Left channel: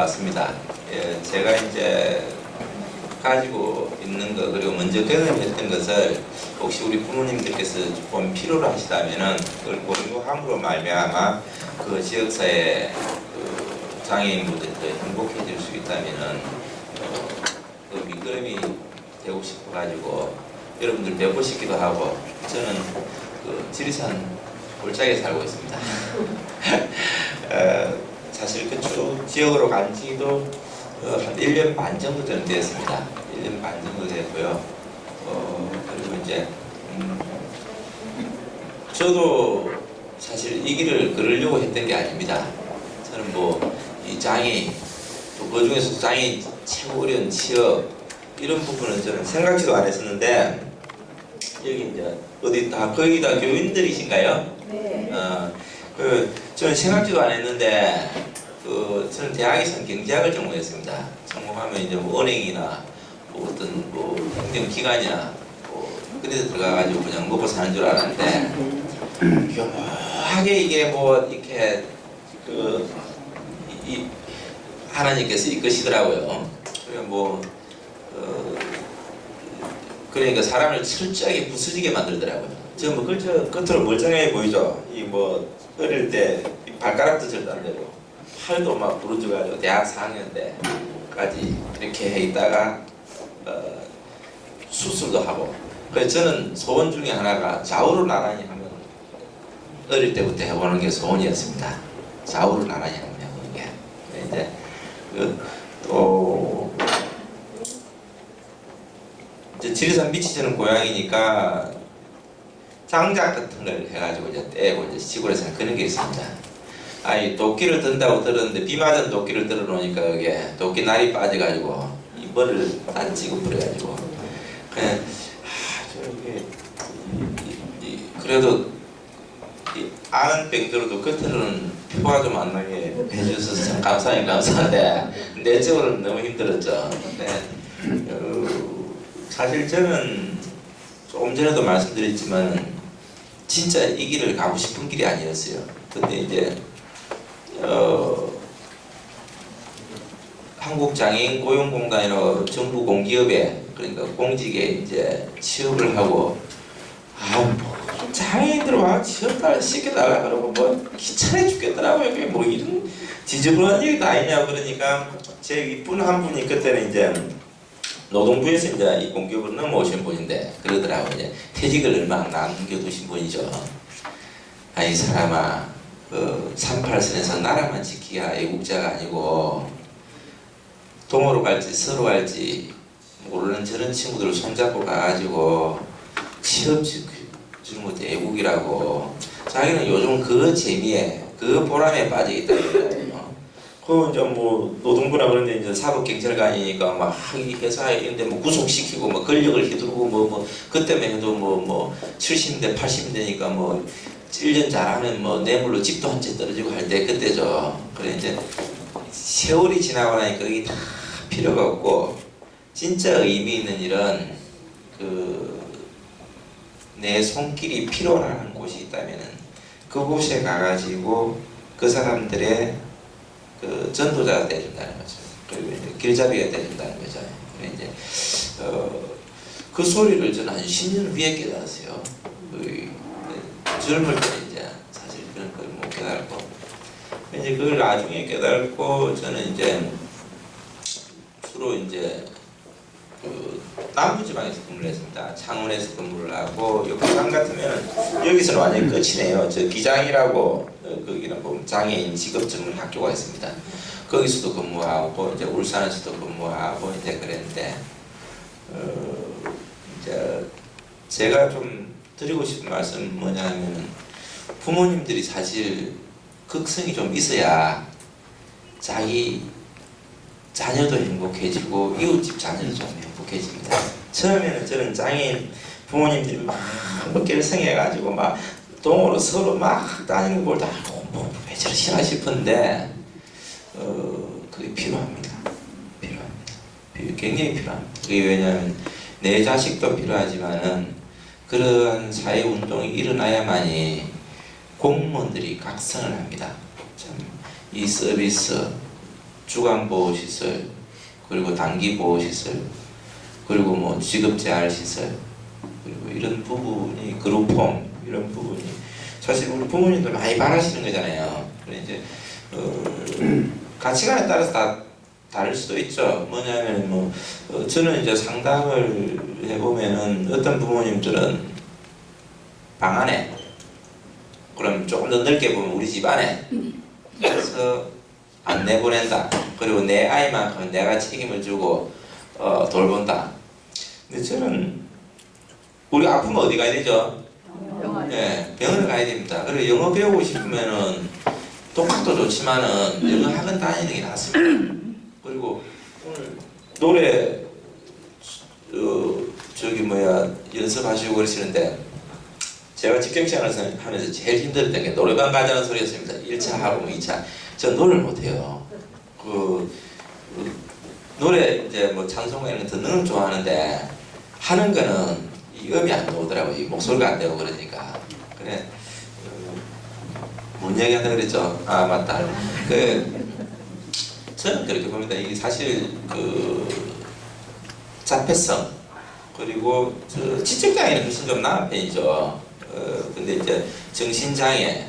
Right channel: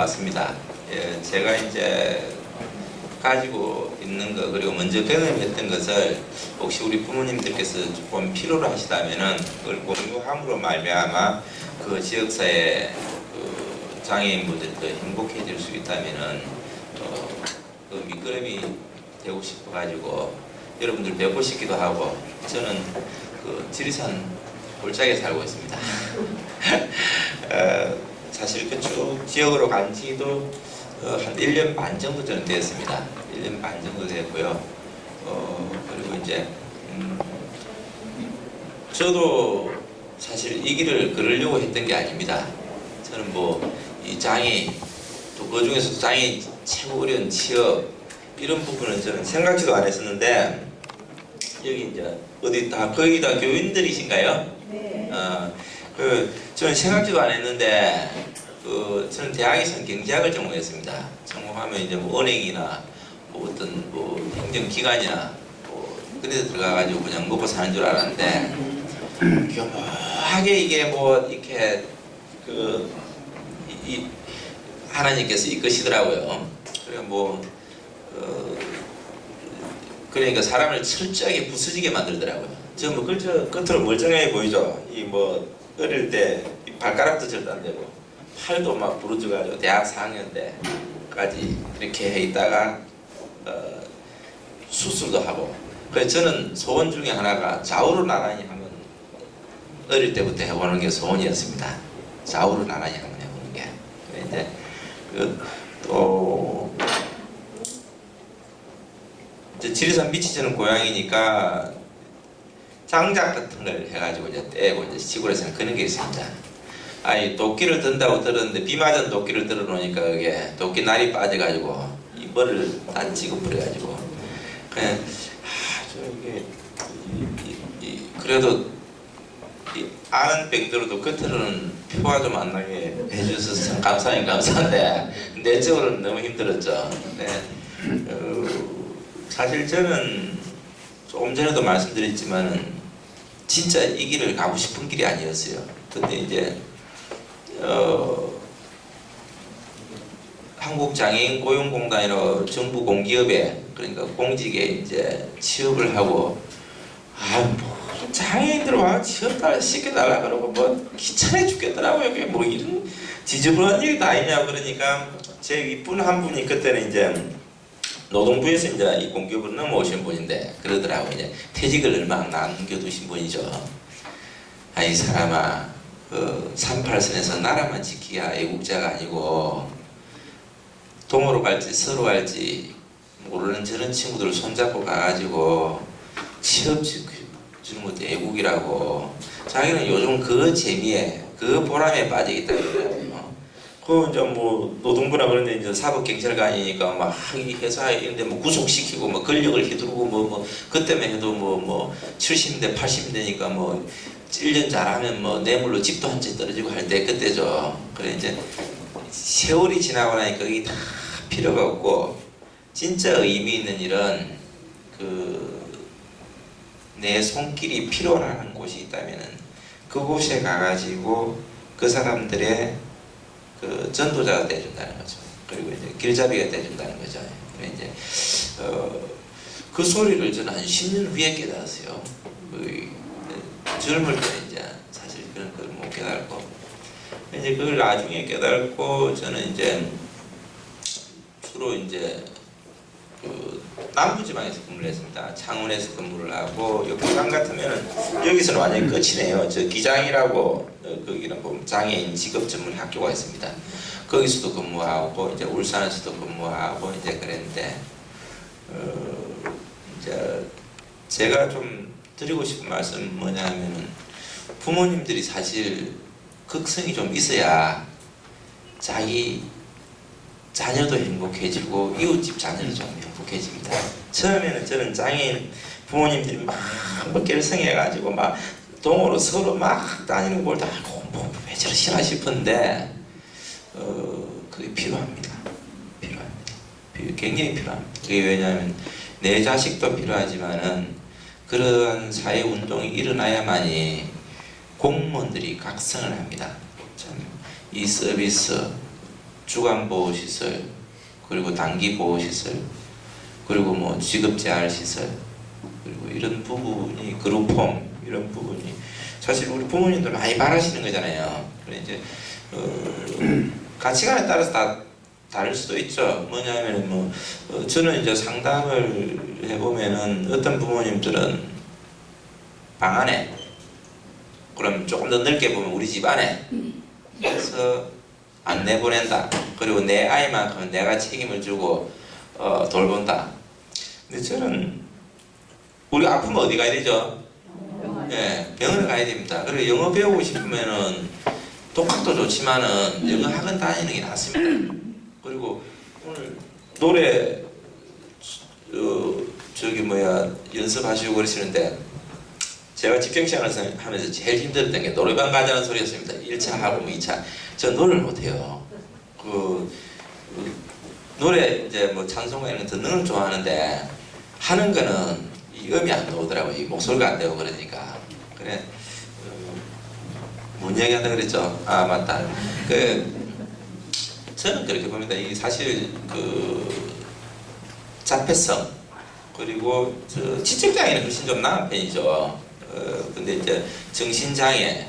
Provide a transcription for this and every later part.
나왔습니다. 예, 제가 이제 가지고 있는 거 그리고 먼저 경험했던 것을 혹시 우리 부모님들께서 조금 필요로 하시다면은 그걸 공유함으로 말미암아 그 지역사회 그 장애인분들이 더 행복해질 수 있다면은 그 밑거름이 되고 싶어가지고 여러분들 뵙고 싶기도 하고 저는 그 지리산 골짜기에 살고 있습니다. 사실 그쪽 지역으로 간 지도 한 1년 반 정도 저는 됐습니다. 1년 반 정도 됐고요. 그리고 이제 저도 사실 이 길을 걸으려고 했던 게 아닙니다. 저는 뭐 이 장애인 또 그 중에서 장애인 최고 어려운 취업 이런 부분은 저는 생각지도 안 했었는데 여기 이제 어디 다 거기다 교인들이신가요? 네. 저는 생각지도 안 했는데 저는 대학에서는 경제학을 전공했습니다. 전공하면 이제 뭐 은행이나 뭐 어떤 뭐 행정기관이나 뭐 그런 데 들어가가지고 그냥 먹고 사는 줄 알았는데 교묘하게 이게 뭐 이렇게 하나님께서 이끄시더라고요. 그러니까 사람을 철저하게 부수지게 만들더라고요. 저 뭐 겉으로 멀쩡해 보이죠. 이 뭐 어릴 때 발가락도 절도 안 되고 팔도 막 부러져가지고 대학 4학년 때까지 그렇게 해 있다가 수술도 하고. 그래서 저는 소원 중에 하나가 좌우로 나란히 하면 어릴 때부터 해보는 게 소원이었습니다. 좌우로 나란히 한번 해보는 게. 이제 또 지리산 밑이 저는 고향이니까 장작 같은 걸 해가지고 이제 떼고 이제 시골에서는 그런 게 있습니다. 아니 도끼를 든다고 들었는데 비 맞은 도끼를 들어 놓으니까 그게 도끼 날이 빠져가지고 이 머리를 단지고 버려가지고 그냥 저게 그래도 아는 뺑들어도 겉으로는 표가 좀 안 나게 해주셔서 참 감사한데 내적으로는 너무 힘들었죠. 근데 사실 저는 조금 전에도 말씀드렸지만은 진짜 이 길을 가고 싶은 길이 아니었어요. 근데 이제 한국장애인 고용공단이라고 정부 공기업에 그러니까 공직에 이제 취업을 하고 뭐 장애인들 와 취업을 시켜달라 그러고 뭐 귀찮아 죽겠더라고요. 그게 뭐 이런 지저분한 얘기 다 있냐 그러니까 제 윗분 한 분이 그때는 이제 노동부에서 이제 이 공기업으로 넘어오신 분인데 그러더라고요. 이제 퇴직을 얼마 안 남겨두신 분이죠. 아니 사람아 38선에서 나라만 지키야 애국자가 아니고 동으로 갈지 서로 갈지 모르는 저런 친구들 손잡고 가가지고 취업 주는 것도 애국이라고. 자기는 요즘 그 재미에 그 보람에 빠져 있다 그러더라고요. 이제 뭐 노동부나 그런데 이제 사법경찰관이니까 막 이 회사 이런데 뭐 구속시키고 뭐 권력을 휘두르고 뭐 그때만 해도 뭐 70대 80대니까 뭐 1년 잘하면 뭐 뇌물로 집도 한 채 떨어지고 할 때 그때죠. 그래 이제 세월이 지나고 나니까 이게 다 필요가 없고 진짜 의미 있는 일은 내 손길이 필요한 곳이 있다면은 그곳에 가가지고 그 사람들의 전도자가 돼준다는 거죠. 그리고 이제 길잡이가 돼준다는 거죠. 이제 그 소리를 저는 한 10년 후에 깨달았어요. 젊을 때 이제 사실 그런 걸 못 깨달고 이제 그걸 나중에 깨달고 저는 이제 주로 이제 남부지방에서 근무를 했습니다. 창원에서 근무를 하고 부산 같으면 여기서는 완전히 끝이네요. 저 기장이라고 거기는 보면 장애인 직업 전문 학교가 있습니다. 거기서도 근무하고 이제 울산에서도 근무하고 이제 그랬는데 이제 제가 좀 드리고 싶은 말씀은 뭐냐면은 부모님들이 사실 극성이 좀 있어야 자기 자녀도 행복해지고 이웃집 자녀도 좀 행복해집니다. 처음에는 저는 장애인 부모님들이 막 결성해가지고 막 동으로 서로 막 다니는 걸 다 왜 저러시나 싶은데 그게 필요합니다. 굉장히 필요합니다. 그게 왜냐하면 내 자식도 필요하지만은 그런 사회 운동이 일어나야만이 공무원들이 각성을 합니다. 참 이 서비스 주간보호시설, 그리고 단기보호시설, 그리고 뭐 직업재활시설, 그리고 이런 부분이 그룹홈 이런 부분이 사실 우리 부모님들 많이 바라시는 거잖아요. 그래 이제 가치관에 따라서 다 다를 수도 있죠. 뭐냐면 저는 이제 상담을 해보면은 어떤 부모님들은 방 안에, 그럼 조금 더 넓게 보면 우리 집 안에 그래서 안 내보낸다. 그리고 내 아이만큼 내가 책임을 지고 돌본다. 근데 저는 우리 아프면 어디 가야 되죠? 네, 병원을 가야 됩니다. 그리고 영어 배우고 싶으면은 독학도 좋지만은 영어 학원 다니는 게 낫습니다. 그리고 오늘 노래 연습하시고 그러시는데 제가 직장생활을 하면서 제일 힘들었던 게 노래방 가자는 소리였습니다. 1차 하고 2차. 저 노래를 못해요. 노래 이제 뭐 찬송가 이런 거 듣는 건 좋아하는데 하는 거는 이 음이 안 나오더라고요. 이 목소리가 안 되고 그러니까. 그래. 뭔 얘기 한다 그랬죠? 아, 맞다. 저는 그렇게 봅니다. 이게 사실 자폐성 그리고 지적장애는 훨씬 좀 나은 편이죠. 근데 이제 정신장애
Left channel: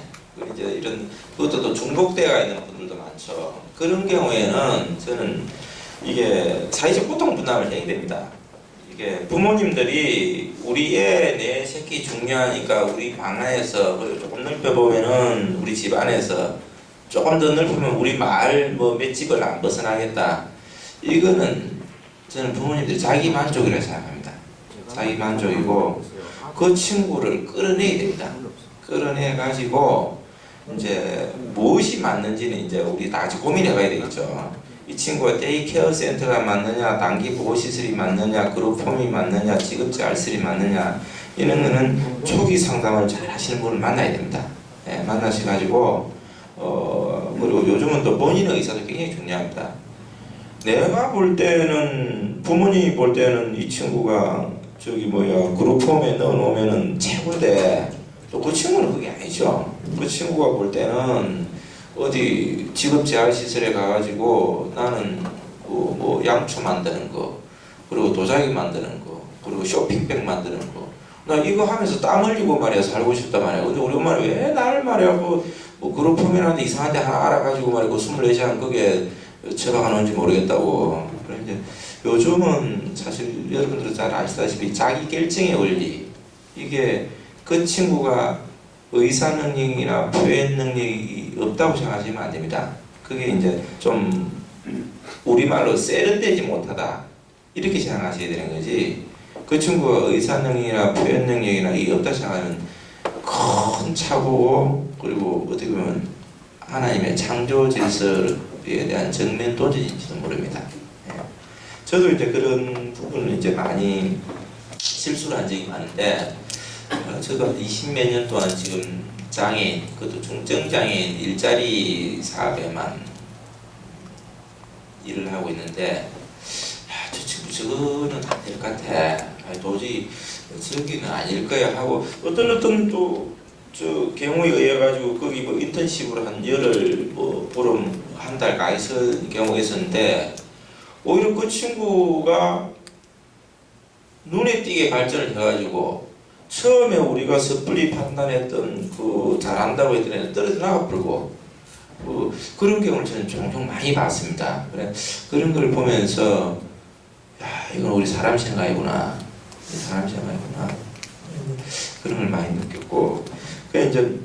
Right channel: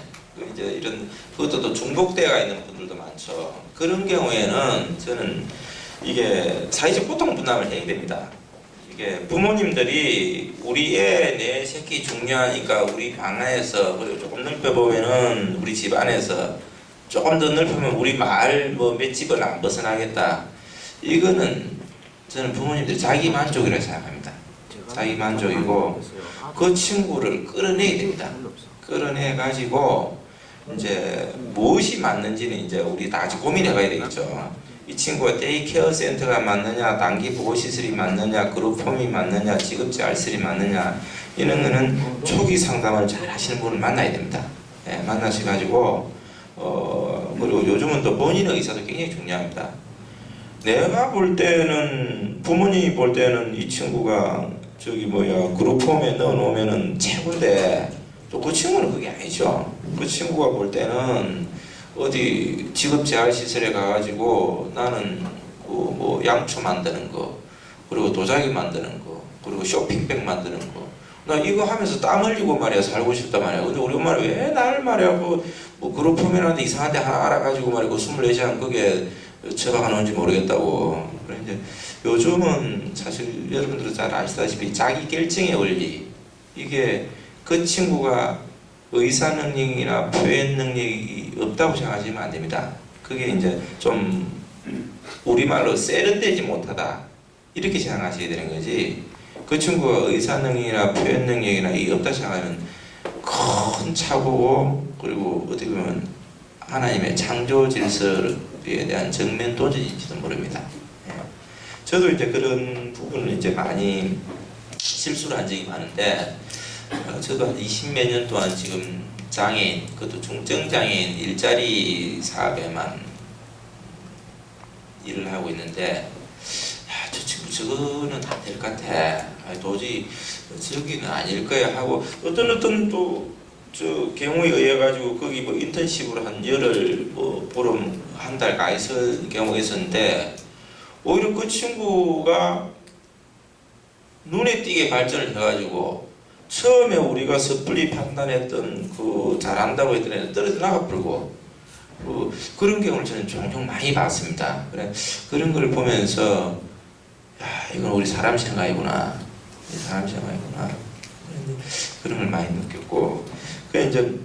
이제 이런 그것도 또 중독되어 있는 분들도 많죠. 그런 경우에는 저는 이게 사회적 고통 분담을 해야 됩니다. 이게 부모님들이 우리 애 내 새끼 중요하니까 우리 방 안에서 그리고 조금 넓혀보면은 우리 집 안에서 조금 더 넓히면 우리 마을 몇 집을 안 벗어나겠다. 이거는 저는 부모님들이 자기 만족이라고 생각합니다. 자기 만족이고 그 친구를 끌어내야 됩니다. 끌어내 가지고 이제 무엇이 맞는지는 이제 우리 다 같이 고민해봐야 되겠죠. 이 친구가 데이케어 센터가 맞느냐, 단기 보호시설이 맞느냐, 그룹홈이 맞느냐, 직업재활시설이 맞느냐, 이런 거는 초기 상담을 잘 하시는 분을 만나야 됩니다. 네, 만나셔가지고 그리고 요즘은 또 본인의 의사도 굉장히 중요합니다. 내가 볼 때는 부모님이 볼 때는 이 친구가 그룹홈에 넣어놓으면은 최고인데 또 그 친구는 그게 아니죠. 그 친구가 볼 때는 어디 직업재활시설에 가가지고 나는 양초 만드는 거, 그리고 도자기 만드는 거, 그리고 쇼핑백 만드는 거, 나 이거 하면서 땀 흘리고 말이야 살고 싶단 말이야. 근데 우리 엄마는 왜 나를 말이야 그룹홈이라는데 이상한 데 하나 알아가지고 말이야 24시간 그게 처방하 놓은지 모르겠다고. 그래 이제 요즘은 사실 여러분들도 잘 아시다시피 자기 결정의 원리, 이게 그 친구가 의사 능력이나 표현 능력이 없다고 생각하시면 안 됩니다. 그게 이제 좀 우리말로 세련되지 못하다 이렇게 생각하셔야 되는 거지. 그 친구가 의사 능력이나 표현 능력이나 이게 없다 생각하면 큰 착오고, 그리고 어떻게 보면 하나님의 창조 질서에 대한 정면 도전인지도 모릅니다. 예. 저도 이제 그런 부분을 이제 많이 실수를 한 적이 많은데, 저도 한 20몇 년 동안 지금 장애인, 그것도 중증장애인 일자리 사업에만 일을 하고 있는데, 저 친구 저거는 안 될 것 같아. 도저히 저기는 아닐 거야 하고 어떤 또 저 경우에 의해 가지고 거기 인턴십으로 한 열흘 보름 한 달 가 있을 경우가 있었는데, 오히려 그 친구가 눈에 띄게 발전을 해가지고 처음에 우리가 섣불리 판단했던 잘한다고 했던 애는 떨어져 나가 버리고 그런 경우를 저는 종종 많이 봤습니다. 그래 그런 걸 보면서 이건 우리 사람 생각이구나, 사람 생각이구나, 그런 걸 많이 느꼈고, 그래 이제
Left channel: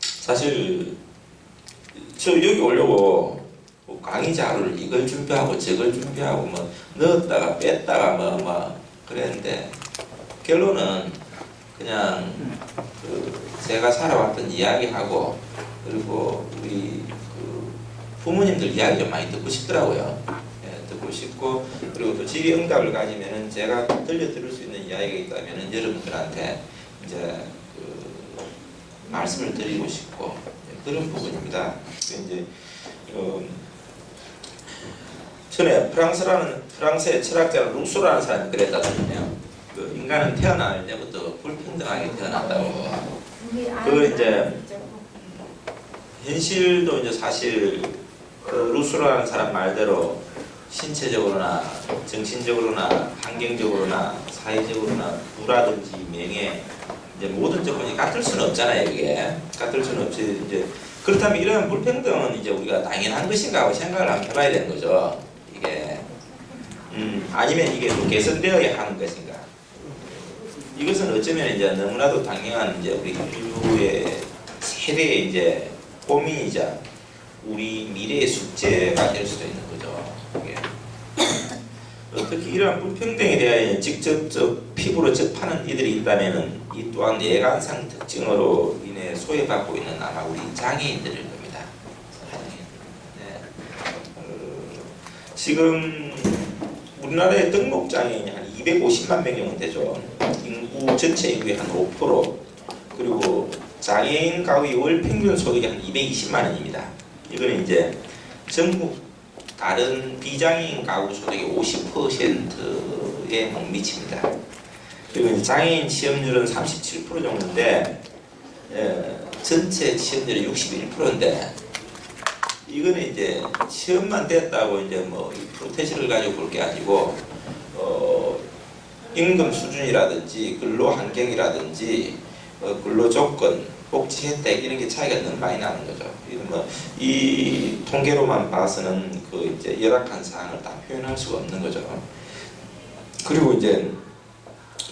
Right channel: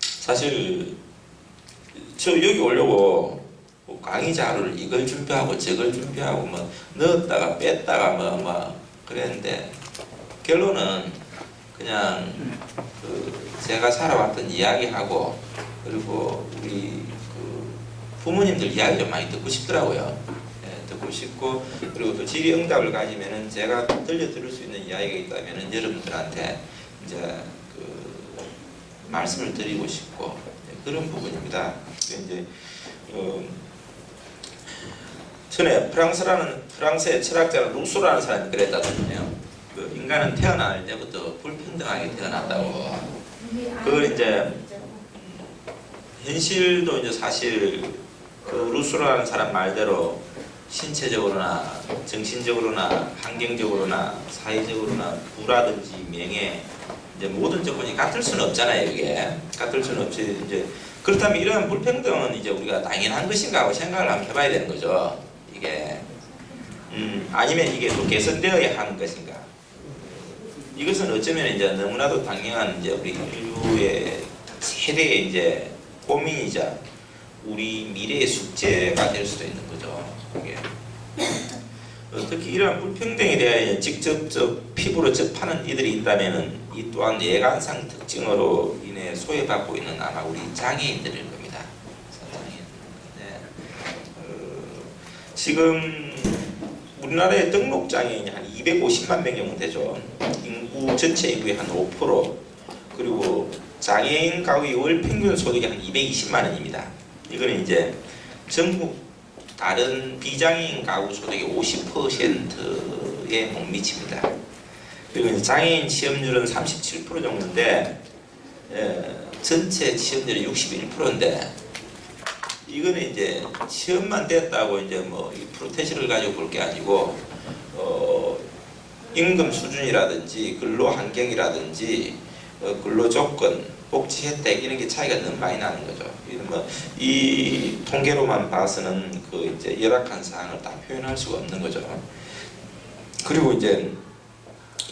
사실 저 여기 오려고 강의 자료를 이걸 준비하고 저걸 준비하고 넣었다가 뺐다가 그랬는데 결론은 그냥 제가 살아왔던 이야기하고, 그리고 우리 부모님들 이야기 좀 많이 듣고 싶더라고요. 예, 듣고 싶고, 그리고 또 질의응답을 가지면은 제가 들려드릴 수 있는 이야기가 있다면은 여러분들한테 이제 말씀을 드리고 싶고, 그런 부분입니다. 이제 전에 프랑스의 철학자 루소라는 사람이 그랬다잖아요. 인간은 태어날 때부터 불평등하게 태어난다고. 이제 현실도 이제 사실 루스로라는 사람 말대로 신체적으로나 정신적으로나 환경적으로나 사회적으로나 부라든지 명예 이제 모든 조건이 같을 수는 없잖아요. 이게 같을 수는 없지. 이제 그렇다면 이러한 불평등은 이제 우리가 당연한 것인가 하고 생각을 한번 해봐야 되는 거죠. 이게 아니면 이게 또 개선되어야 하는 것인가. 이것은 어쩌면 이제 너무나도 당연한 이제 우리 인류의 세대의 이제 고민이자 우리 미래의 숙제가 될 수도 있는 거죠. 이게 특히 이러한 불평등에 대하여 직접적 피부로 접하는 이들이 있다면은 이 또한 예간상 특징으로 인해 소외받고 있는 아마 우리 장애인들일 겁니다. 네. 지금 우리나라의 등록 장애인이 한 250만 명 정도 되죠. 인구 전체 인구의 한 5%. 그리고 장애인 가구의 월 평균 소득이 한 220만 원입니다. 이거는 이제 전국 다른 비장애인 가구 소득의 50%에 못 미칩니다. 그리고 이제 장애인 취업률은 37% 정도인데 전체 취업률이 61%인데 이거는 이제 취업만 됐다고 이제 뭐 이 프로테지를 가지고 볼 게 아니고 임금 수준이라든지 근로 환경이라든지 근로 조건, 복지 혜택 이런 게 차이가 너무 많이 나는 거죠. 이런 이 통계로만 봐서는 그 이제 열악한 사항을 다 표현할 수가 없는 거죠. 그리고 이제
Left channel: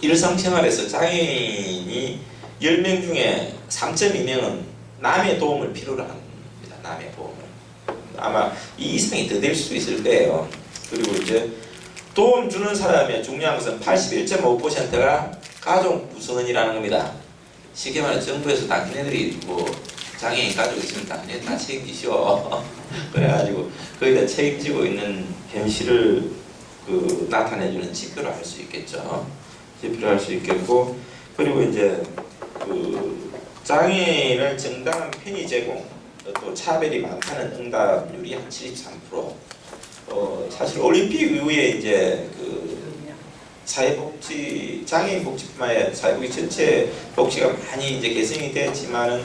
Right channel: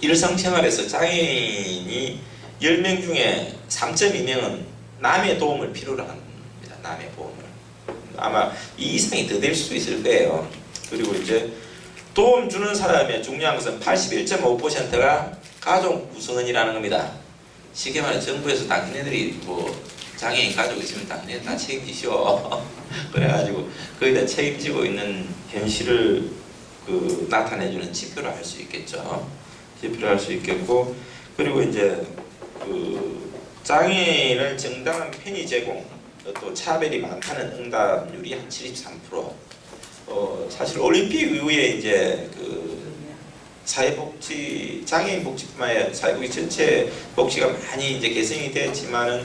일상생활에서 장애인이 10명 중에 3.2명은 남의 도움을 필요로 합니다. 남의 도움을. 아마 이 이상이 더 될 수도 있을 거예요. 그리고 이제 도움 주는 사람의 중요한 것은 81.5%가 가족 구성원이라는 겁니다. 쉽게 말해 정부에서 당신네들이 뭐 장애인 가족 있으면 당신네 다 책임지시오. 그래가지고 거기다 책임지고 있는 현실을 그 나타내주는 지표로 할 수 있겠죠. 지표로 할 수 있겠고, 그리고 이제 그 장애인을 정당한 편의 제공, 또 차별이 많다는 응답률이 한 73%. 사실 올림픽 이후에 이제 그 사회복지, 장애인 복지뿐만 아니라 사회복지 전체 복지가 많이 이제 개선이 되었지만은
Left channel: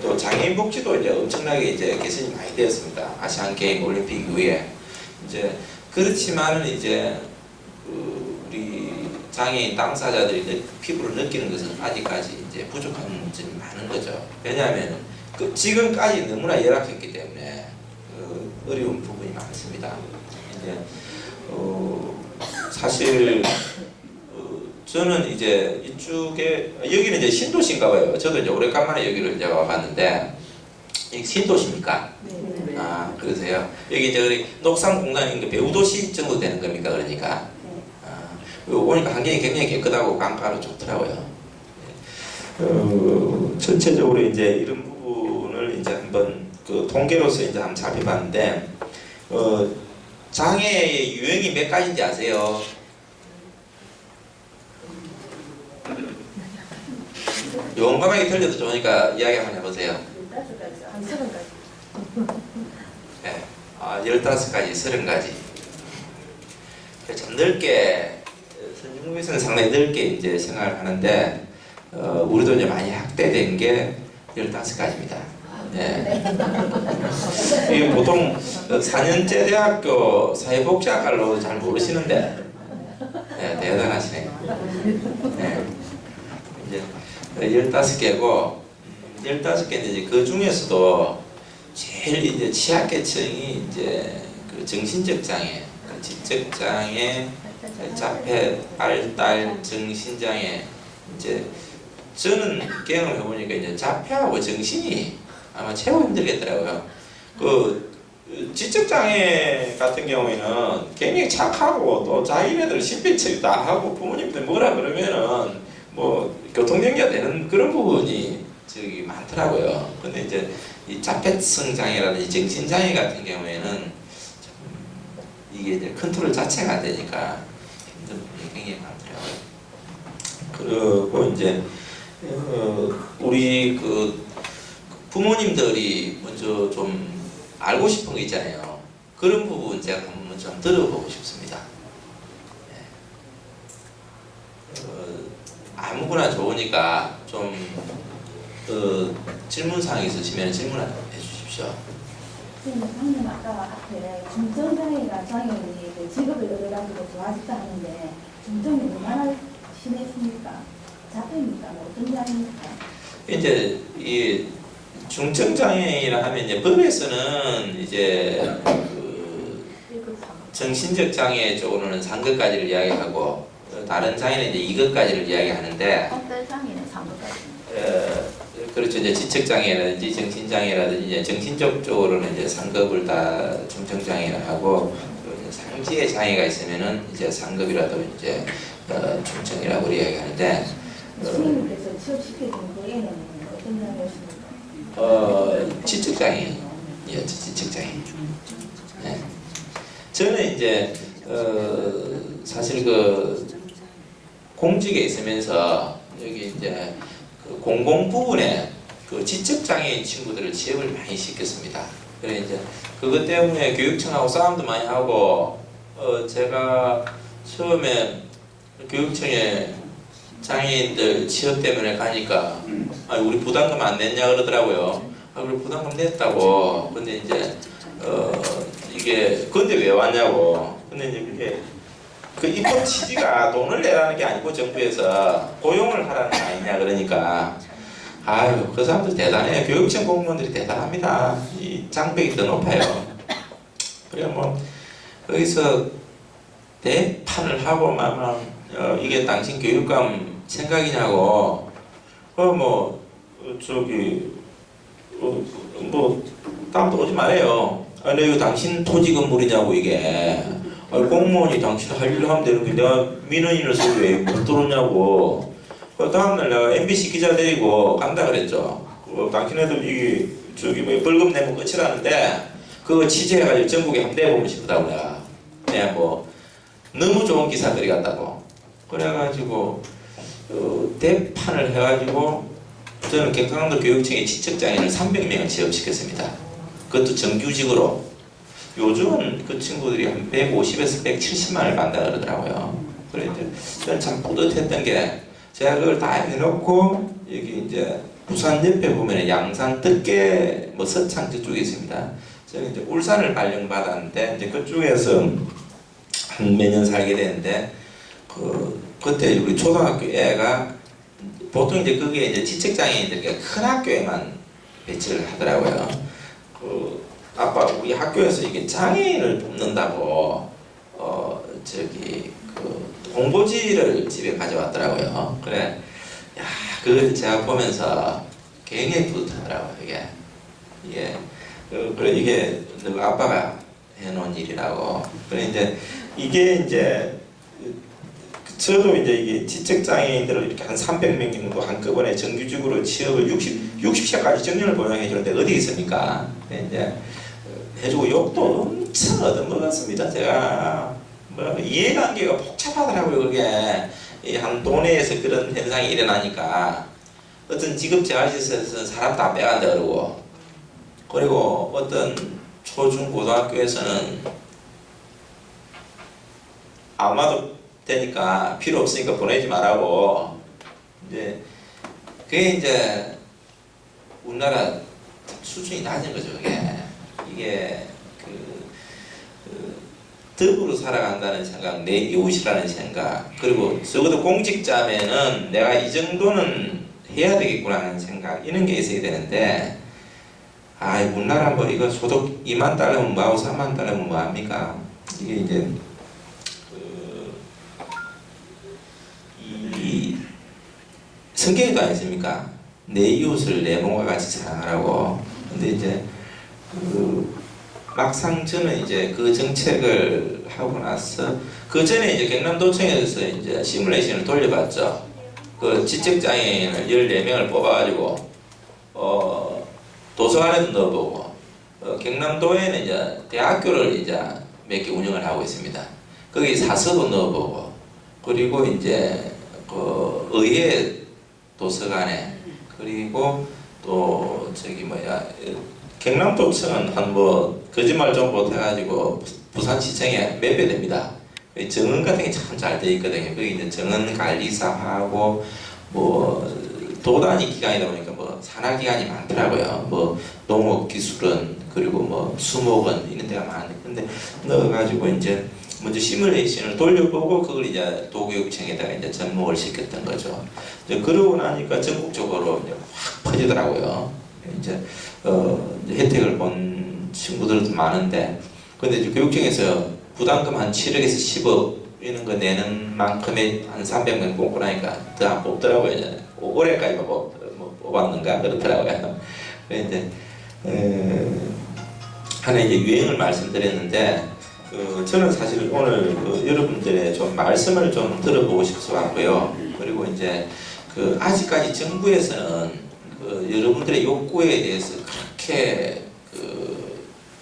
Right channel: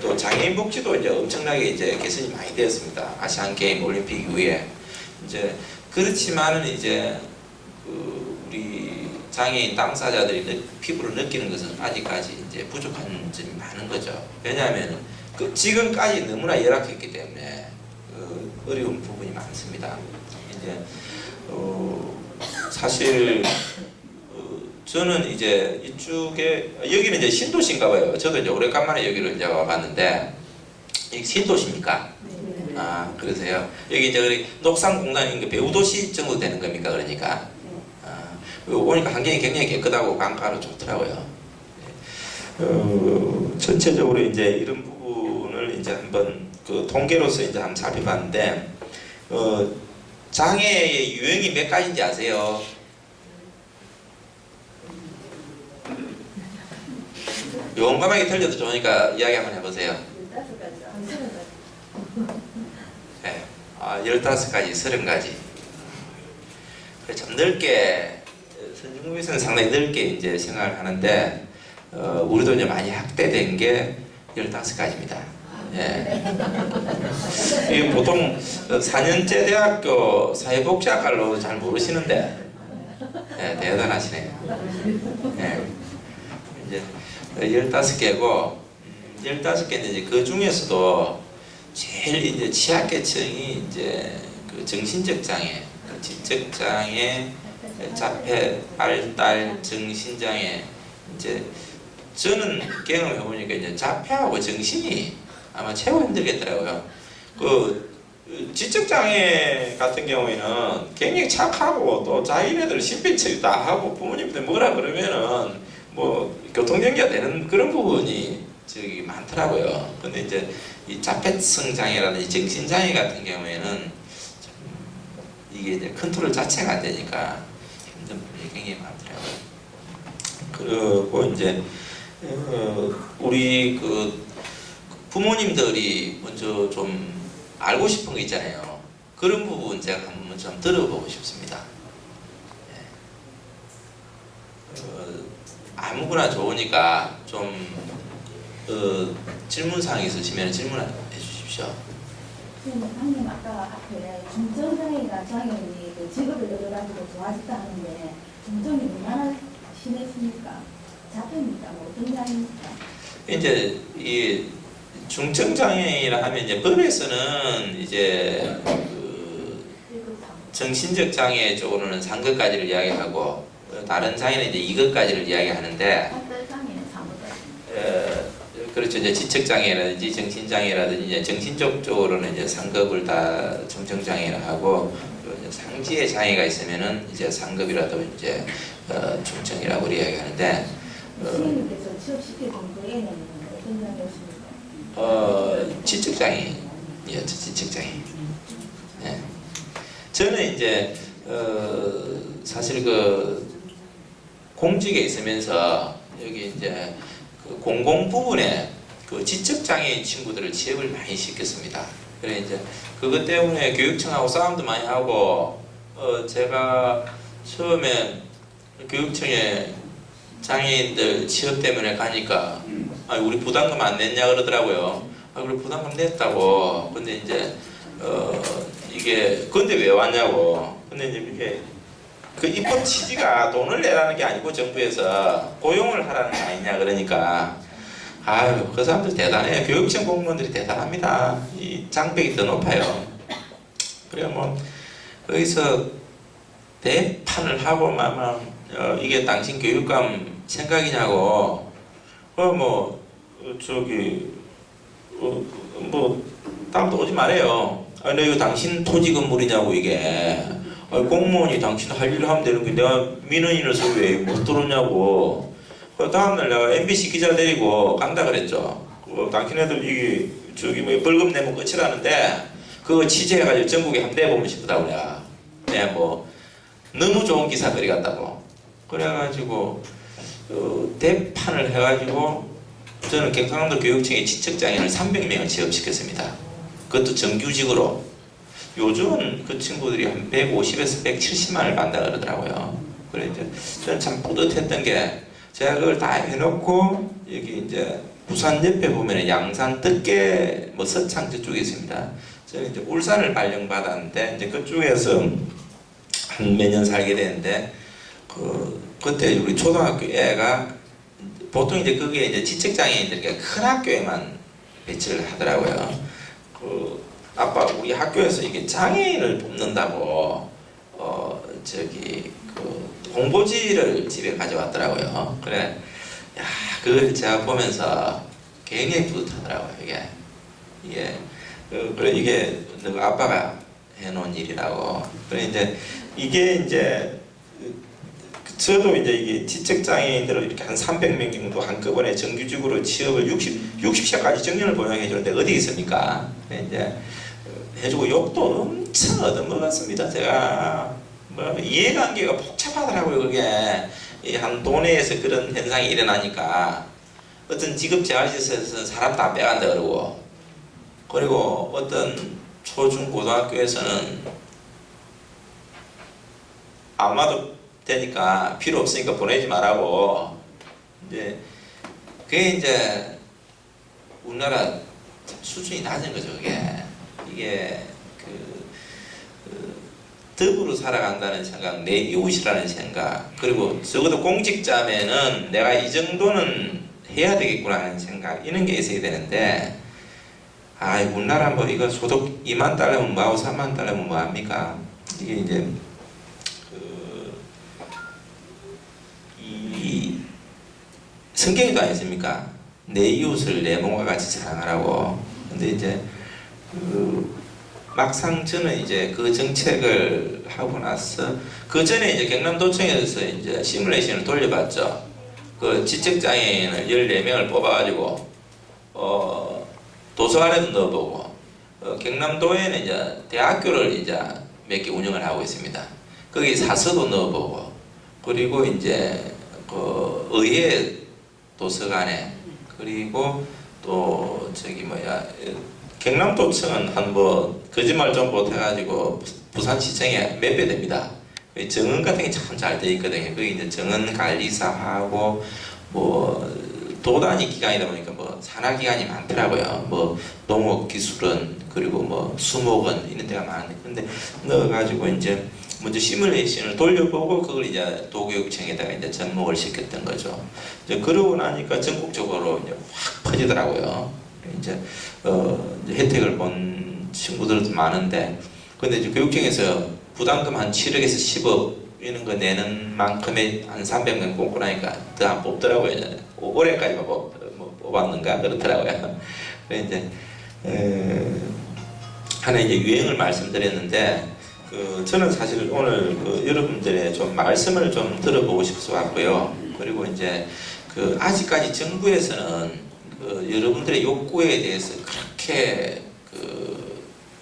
또 장애인 복지도 이제 엄청나게 이제 개선이 많이 되었습니다. 아시안 게임, 올림픽 이후에 이제 그렇지만은 이제 그 우리 장애인 당사자들이 피부로 느끼는 것은 아직까지 이제 부족한 점이 많은 거죠. 왜냐하면 그 지금까지 너무나 열악했기 때문에 어려운 부분이 많습니다. 이제 사실 저는 이제 이쪽에 여기는 이제 신도시인가 봐요. 저도 이제 오래간만에 여기를 이제 와봤는데 여기 신도시입니까? 네. 아 그러세요? 여기 이제 녹산공단인 그 배우도시 정도 되는 겁니까? 그러니까 오니까 환경이 굉장히 깨끗하고 강가로 좋더라고요. 전체적으로 이제 이런 부분을 이제 한번 그 통계로서 이제 한번 살펴봤는데 장애의 유형이 몇 가지인지 아세요? 용감하게 들려도 좋으니까 이야기 한번 해보세요. 15가지, 한 30가지. 네. 15가지, 30가지. 좀 넓게, 선진국에서는 상당히 넓게 이제 생각을 하는데, 우리도 이제 많이 확대된 게 15가지입니다. 예. 이게 보통 4년제 대학교 사회복지학과로 잘 모르시는데, 예, 대단하시네요. 예. 이제 15개고, 15개인데 이제 그 중에서도 제일 이제 취약계층이 이제 그 정신적 장애, 지적 장애, 자폐, 발달, 정신장애. 이제 저는 경험해 보니까 이제 자폐하고 정신이 아마 최고 힘들겠더라고요. 그 지적 장애 같은 경우에는 굉장히 착하고 또 자기네들 신변처리 다 하고 부모님들 뭐라 그러면은 뭐 교통정리가 되는 그런 부분이 저기 많더라고요. 근데 이제 이 자폐성 장애라든지 정신 장애 같은 경우에는 좀 이게 이제 컨트롤 자체가 안 되니까 힘든 부분이 굉장히 많더라고요. 그리고 이제 우리 그 부모님들이 먼저 좀 알고 싶은 거 있잖아요. 그런 부분 제가 한번 좀 들어보고 싶습니다. 아무거나 좋으니까 좀 질문사항이 있으시면 질문해 주십시오. 선생님, 방금 아까 앞에 중증장애가 장애인이 그 직업을 얻어가지고 좋아졌다 하는데 중증이 얼마나 심했습니까? 자폐입니까? 뭐 어떤 장애입니까? 이제 이 중증 장애인이라 하면 이제 법에서는 이제 그 1급, 3급. 정신적 장애 쪽으로는 3급까지를 이야기하고 다른 장애는 이제 2급까지를 이야기하는데 어떤 장애는 3급까지. 그렇죠. 이제 지적 장애라든지 정신 장애라든지 이제 정신적 쪽으로는 이제 3급을 다 중증 장애를 하고 이제 상지의 장애가 있으면은 이제 3급이라도 이제 중증이라고 이야기하는데 선생님께서 취업시켜준 그 애는 어떤 장애였습니까? 지적 장애, 예, 지적 장애. 네. 저는 이제 사실 그 공직에 있으면서 여기 이제 그 공공 부분에 그 지적 장애인 친구들을 취업을 많이 시켰습니다. 그래 이제 그것 때문에 교육청하고 싸움도 많이 하고 제가 처음에 교육청에 장애인들 취업 때문에 가니까 우리 부담금 안 냈냐 그러더라고요. 우리 부담금 냈다고. 근데 이제 이게 근데 왜 왔냐고. 근데 이제 그게 그 입법 취지가 돈을 내라는 게 아니고 정부에서 고용을 하라는 거 아니냐 그러니까 아유 그 사람들 대단해요. 교육청 공무원들이 대단합니다. 이 장벽이 더 높아요. 그래 뭐 거기서 대판을 하고 막 이게 당신 교육감 생각이냐고 저기 뭐 다음부터 오지 말아요. 내 이거 당신 토지 건물이냐고 이게. 공무원이 당신 할 일을 하면 되는 게 내가 민원인을 서 왜 못 들어오냐고. 그 다음날 내가 MBC 기자 데리고 간다 그랬죠. 당신네들 이게 저기 뭐 벌금 내면 끝이라는데 그거 취재해가지고 전국에 한번 내보면 싶다고 내가. 네, 뭐 너무 좋은 기사들이 같다고. 그래가지고 대판을 해가지고 저는 경상도 교육청에 지적장애인을 300명을 취업시켰습니다. 그것도 정규직으로. 요즘은 그 친구들이 한 150에서 170만 원을 받는다 그러더라고요. 그래 이제 저는 참 뿌듯했던 게 제가 그걸 다 해놓고 여기 이제 부산 옆에 보면 양산 뜻계 뭐 서창 저쪽에 있습니다. 저는 이제 울산을 발령받았는데 이제 그쪽에서 한 몇 년 살게 되는데 그때 우리 초등학교 애가 보통 이제 그게 이제 지적장애인들이 큰 학교에만 배치를 하더라고요. 아빠 우리 학교에서 이게 장애인을 뽑는다고 저기 그 홍보지를 집에 가져왔더라고요. 그래, 야 그걸 제가 보면서 굉장히 뿌듯하더라고요. 이게 그래 이게 누가 아빠가 해놓은 일이라고. 그래 이게 이제 저도 이제 이게 지적장애인들을 이렇게 한 300명 정도 한꺼번에 정규직으로 취업을 60시간까지 정년을 보장해 주는데 어디 있습니까? 이제 해주고 욕도 엄청 얻어먹었습니다. 제가 뭐 이해관계가 복잡하더라고요. 그게 한 동네에서 그런 현상이 일어나니까 어떤 직업 재활시설에서는 사람 다 빼간다 그리고 어떤 초중 고등학교에서는 아마도 되니까 필요 없으니까 보내지 말라고. 이제 그게 이제 우리나라 수준이 낮은 거죠. 이게 덕으로 살아간다는 생각, 내 이웃이라는 생각, 그리고 적어도 공직자면은 내가 이 정도는 해야 되겠구나 하는 생각, 이런 게 있어야 되는데 우리나라 뭐 이거 소득 2만 달러면 뭐하고 3만 달러면 뭐합니까? 이게 이제 이 성경에도 아니십니까? 내 이웃을 내 몸과 같이 사랑하라고. 근데 이제 막상 저는 이제 그 정책을 하고 나서 그 전에 이제 경남도청에서 이제 시뮬레이션을 돌려봤죠. 그 지적장애인을 14명을 뽑아가지고 도서관에도 넣어보고 경남도에는 이제 대학교를 이제 몇 개 운영을 하고 있습니다. 거기 사서도 넣어보고 그리고 이제 그 의회 도서관에 그리고 또 저기 경남도청은 한 뭐 거짓말 좀 못해가지고 부산시청에 몇 배 됩니다. 정원 같은 게 참 잘 돼 있거든요. 거기 이제 정원 관리사하고 뭐 도단위 기관이다 보니까 뭐 산하기관이 많더라고요. 뭐 농업기술원 그리고 뭐 수목원 이런 데가 많은데 근데 넣어가지고 이제 먼저 시뮬레이션을 돌려보고 그걸 이제 도교육청에다가 이제 접목을 시켰던 거죠. 이제 그러고 나니까 전국적으로 이제 확 퍼지더라고요. 이제 혜택을 본 친구들도 많은데 근데 이제 교육청에서 부담금 한 7억에서 10억 이런 거 내는 만큼의 한 300명 뽑고 나니까 더 안 뽑더라고요. 올해까지만 뽑았는가 그렇더라고요. 그래서 이제 하나 이제 유행을 말씀드렸는데 저는 사실 오늘 여러분들의 좀 말씀을 좀 들어보고 싶어서 왔고요. 그리고 이제 아직까지 정부에서는 여러분들의 욕구에 대해서 그렇게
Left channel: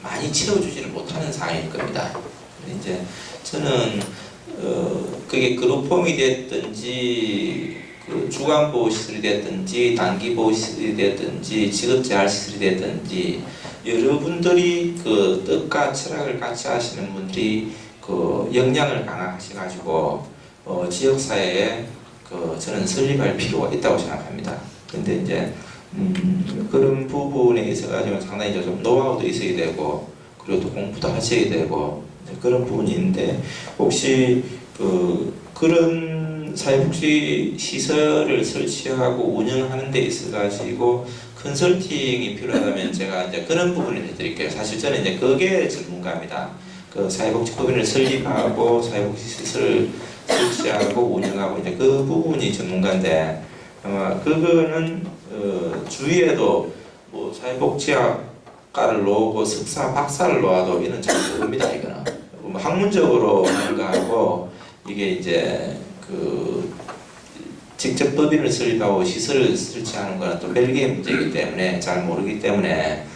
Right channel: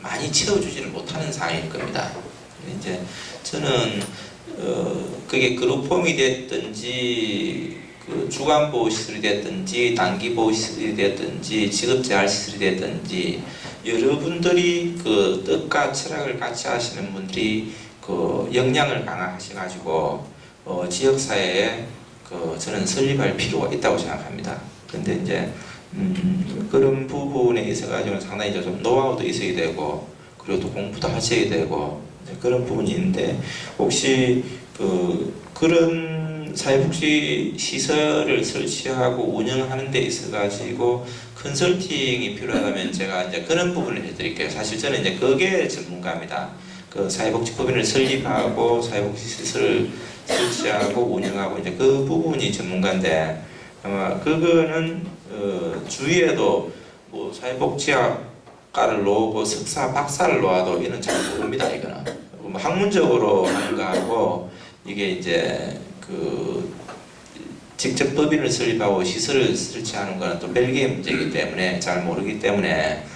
많이 채워주지를 못하는 상황일 겁니다. 이제 저는 그게 그룹홈이 됐든지 주간보호시설이 됐든지 단기보호시설이 됐든지 직업재활시설이 됐든지 여러분들이 뜻과 철학을 같이 하시는 분들이 역량을 강화하셔가지고 지역사회에 저는 설립할 필요가 있다고 생각합니다. 근데 이제 그런 부분에 있어가지고 상당히 좀 노하우도 있어야 되고 그리고 또 공부도 하셔야 되고 그런 부분이 있는데 혹시 그런 사회복지 시설을 설치하고 운영하는 데 있어가지고 컨설팅이 필요하다면 제가 이제 그런 부분을 해드릴게요. 사실 저는 이제 그게 전문가입니다. 사회복지법인을 설립하고 사회복지 시설을 설치하고 운영하고 이제 그 부분이 전문가인데 아마 그거는 주위에도 뭐 사회복지학과를 놓고 석사, 박사를 놓아도 이는 잘 모릅니다. 이거는 뭐 학문적으로 하는 거하고 이게 이제 직접 법인을 설립하고 시설을 설치하는 거는 또 별개의 문제이기 때문에 잘 모르기 때문에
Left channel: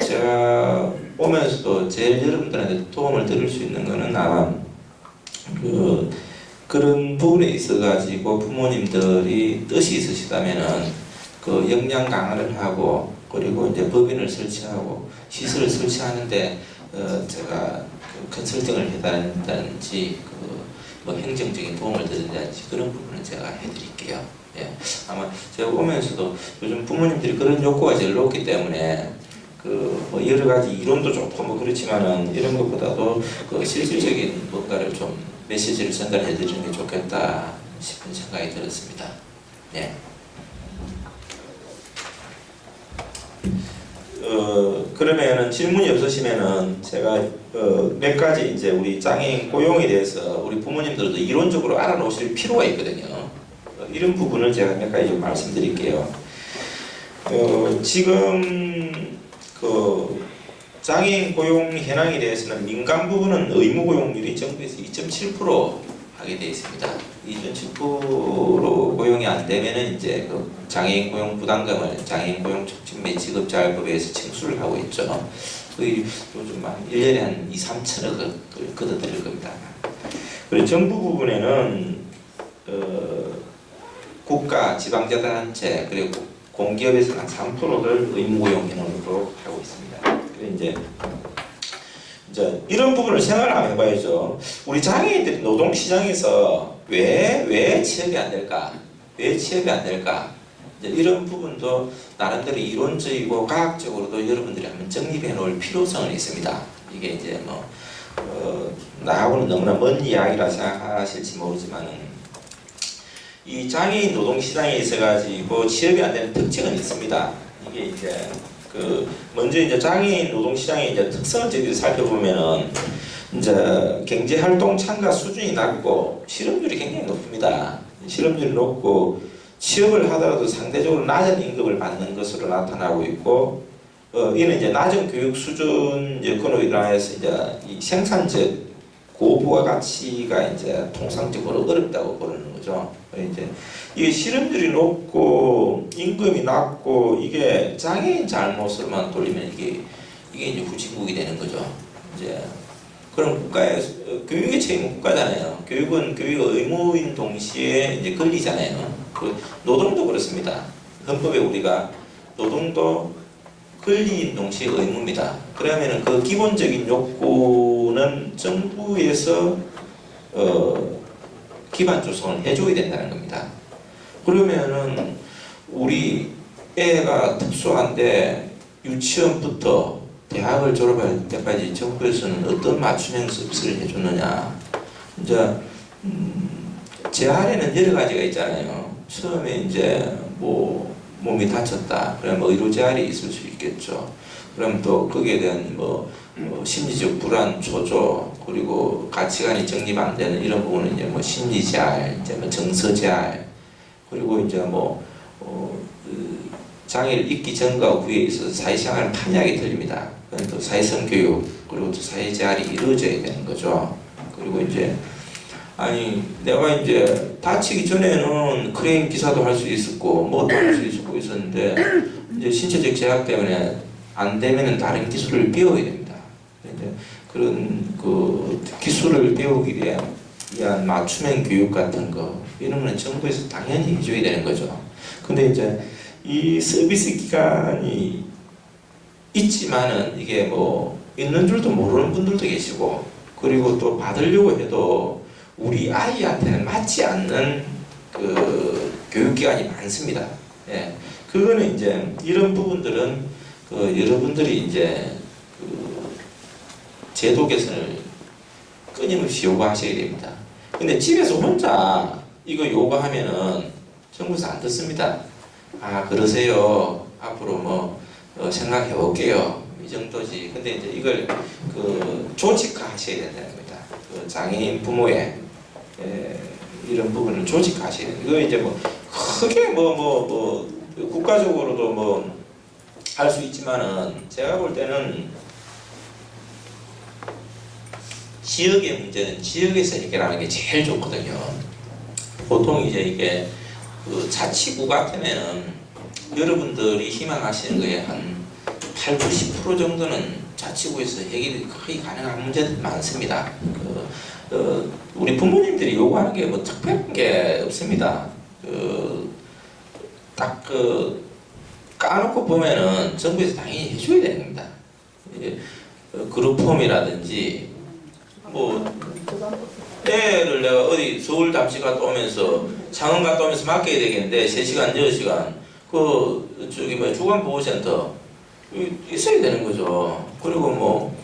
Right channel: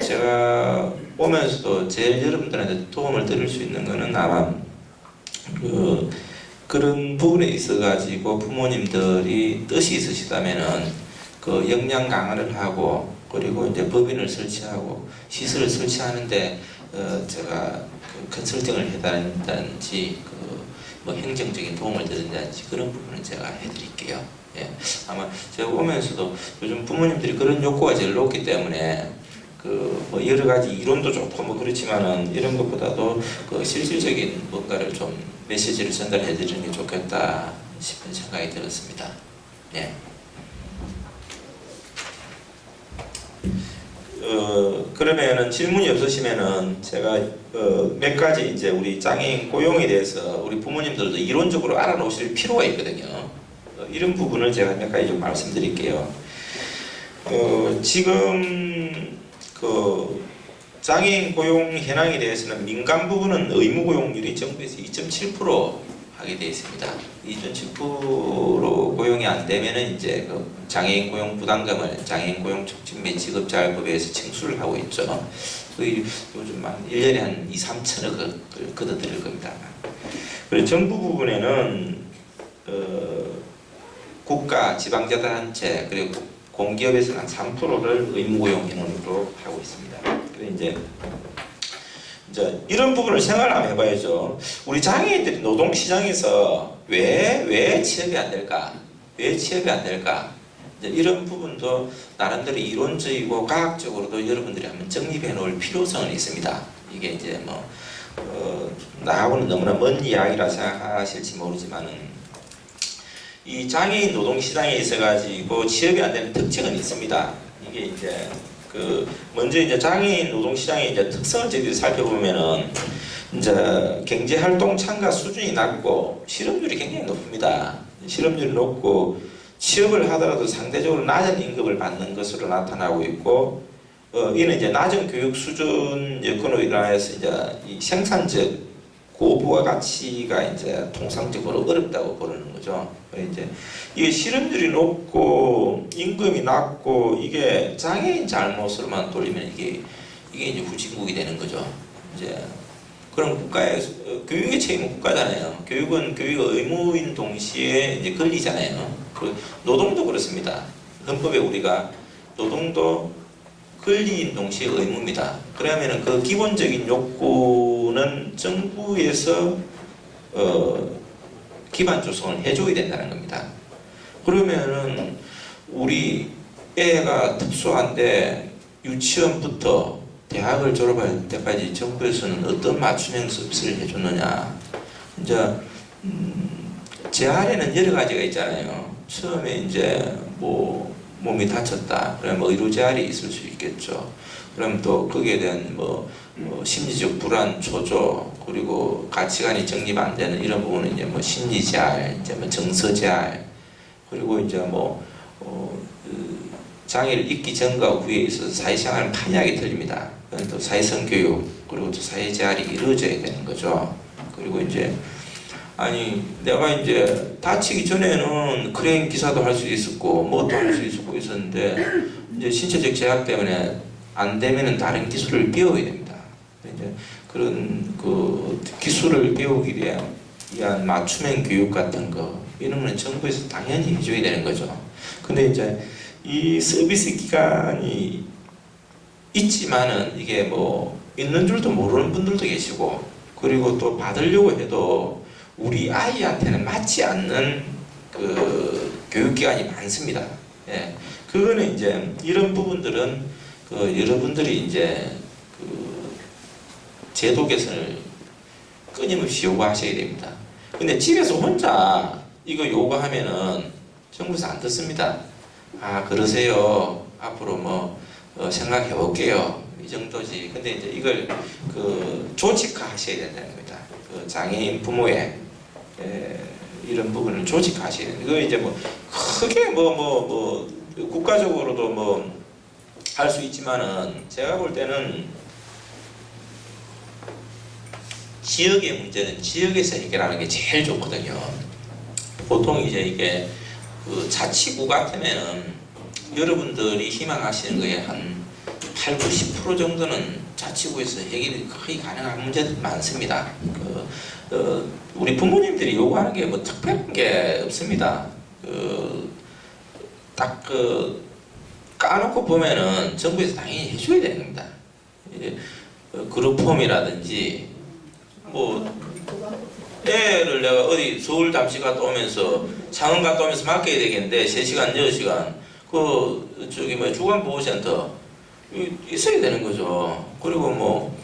제가 오면서도 제일 여러분들한테 도움을 드릴 수 있는 거는 아마 그런 부분에 있어가지고 부모님들이 뜻이 있으시다면은 역량 강화를 하고 그리고 이제 법인을 설치하고 시설을 설치하는데 제가 컨설팅을 해달라든지 뭐 행정적인 도움을 드린다든지 그런 부분은 제가 해드릴게요. 예. 아마 제가 오면서도 요즘 부모님들이 그런 욕구가 제일 높기 때문에 뭐 여러 가지 이론도 좋고 뭐 그렇지만은 이런 것보다도 실질적인 뭔가를 좀 메시지를 전달해 드리는 게 좋겠다 싶은 생각이 들었습니다. 예. 그러면은 질문이 없으시면은 제가 몇 가지 이제 우리 장애인 고용에 대해서 우리 부모님들도 이론적으로 알아놓으실 필요가 있거든요. 이런 부분을 제가 몇 가지 좀 말씀드릴게요. 지금 장애인 고용 현황에 대해서는 민간 부분은 의무 고용률이 정부에서 2.7% 하게 되어 있습니다. 2.7% 고용이 안 되면은 이제 장애인 고용 부담금을 장애인 고용 촉진 및 직업재활법에서 징수를 하고 있죠. 거의 요즘 한 1년에 한 2, 3천억을 걷어들일 겁니다. 그리고 정부 부분에는 국가, 지방자치단체 그리고 공기업에서는 한 3%를 의무고용 인원으로 하고 있습니다. 그래 이제 이런 부분을 생각을 한번 해봐야죠. 우리 장애인들이 노동시장에서 왜 취업이 안 될까? 왜 취업이 안 될까? 이런 부분도 나름대로 이론적이고 과학적으로도 여러분들이 한번 정립해 놓을 필요성은 있습니다. 이게 이제 뭐 나하고는 너무나 먼 이야기라 생각하실지 모르지만은 이 장애인 노동시장에 있어가지고 취업이 안 되는 특징은 있습니다. 이게 이제 먼저 이제 장애인 노동시장의 이제 특성을 저희들이 살펴보면은 이제 경제활동 참가 수준이 낮고 실업률이 굉장히 높습니다. 실업률이 높고 취업을 하더라도 상대적으로 낮은 임금을 받는 것으로 나타나고 있고 이는 이제 낮은 교육 수준 여건으로 인하여서 이제 이 생산적 고부가 가치가 이제 통상적으로 어렵다고 보는 거죠. 이제 이게 실업률이 높고 임금이 낮고 이게 장애인 잘못으로만 돌리면 이게 이제 후진국이 되는 거죠. 이제 그럼 국가의 교육의 책임은 국가잖아요. 교육은 교육 의무인 동시에 이제 권리잖아요. 노동도 그렇습니다. 헌법에 우리가 노동도 권리인 동시에 의무입니다. 그러면은 그 기본적인 욕구는 정부에서 기반 조성을 해줘야 된다는 겁니다. 그러면은 우리 애가 특수한데 유치원부터 대학을 졸업할 때까지 정부에서는 어떤 맞춤형 서비스를 해줬느냐. 이제 제 아래는 여러 가지가 있잖아요. 처음에 이제 뭐 몸이 다쳤다. 그러면 뭐 의료 재활이 있을 수 있겠죠. 그럼 또 거기에 대한 심리적 불안, 초조, 그리고 가치관이 정립 안 되는 이런 부분은 이제 뭐 심리 재활, 이제 뭐 정서 재활, 그리고 이제 장애를 잊기 전과 후에 있어서 사회생활 판이하게 틀립니다. 그건 또 사회성 교육, 그리고 또 사회 재활이 이루어져야 되는 거죠. 그리고 이제 내가 이제 다치기 전에는 크레인 기사도 할 수 있었고 뭐도 할 수 있었고 있었는데 이제 신체적 제약 때문에 안 되면은 다른 기술을 배워야 됩니다. 이제 그런 그 기술을 배우기 위한 맞춤형 교육 같은 거 이런 거는 정부에서 당연히 해줘야 되는 거죠. 근데 이제 이 서비스 기간이 있지만은 이게 뭐 있는 줄도 모르는 분들도 계시고, 그리고 또 받으려고 해도 우리 아이한테는 맞지 않는 그 교육기관이 많습니다. 예. 그거는 이제 이런 부분들은 여러분들이 이제 제도 개선을 끊임없이 요구하셔야 됩니다. 근데 집에서 혼자 이거 요구하면은 정부에서 안 듣습니다. 그러세요. 앞으로 생각해 볼게요. 이 정도지. 근데 이제 이걸 조직화 하셔야 된다는 겁니다. 장애인 부모의 이런 부분을 조직화하셔야 됩니다. 이거 이제 크게 국가적으로도 할 수 있지만은 제가 볼 때는 지역의 문제는 지역에서 해결하는 게 제일 좋거든요. 보통 이제 이게 자치구 같으면은 여러분들이 희망하시는 거에 한 80~90% 정도는 자치구에서 해결이 거의 가능한 문제들이 많습니다. 우리 부모님들이 요구하는 게 특별한 게 없습니다. 딱 까놓고 보면은 정부에서 당연히 해줘야 되는 겁니다. 그룹홈이라든지 애를 내가 어디 서울 잠시 갔다 오면서 창원 갔다 오면서 맡겨야 되겠는데 3시간, 6시간 주간보호센터 있어야 되는 거죠. 그리고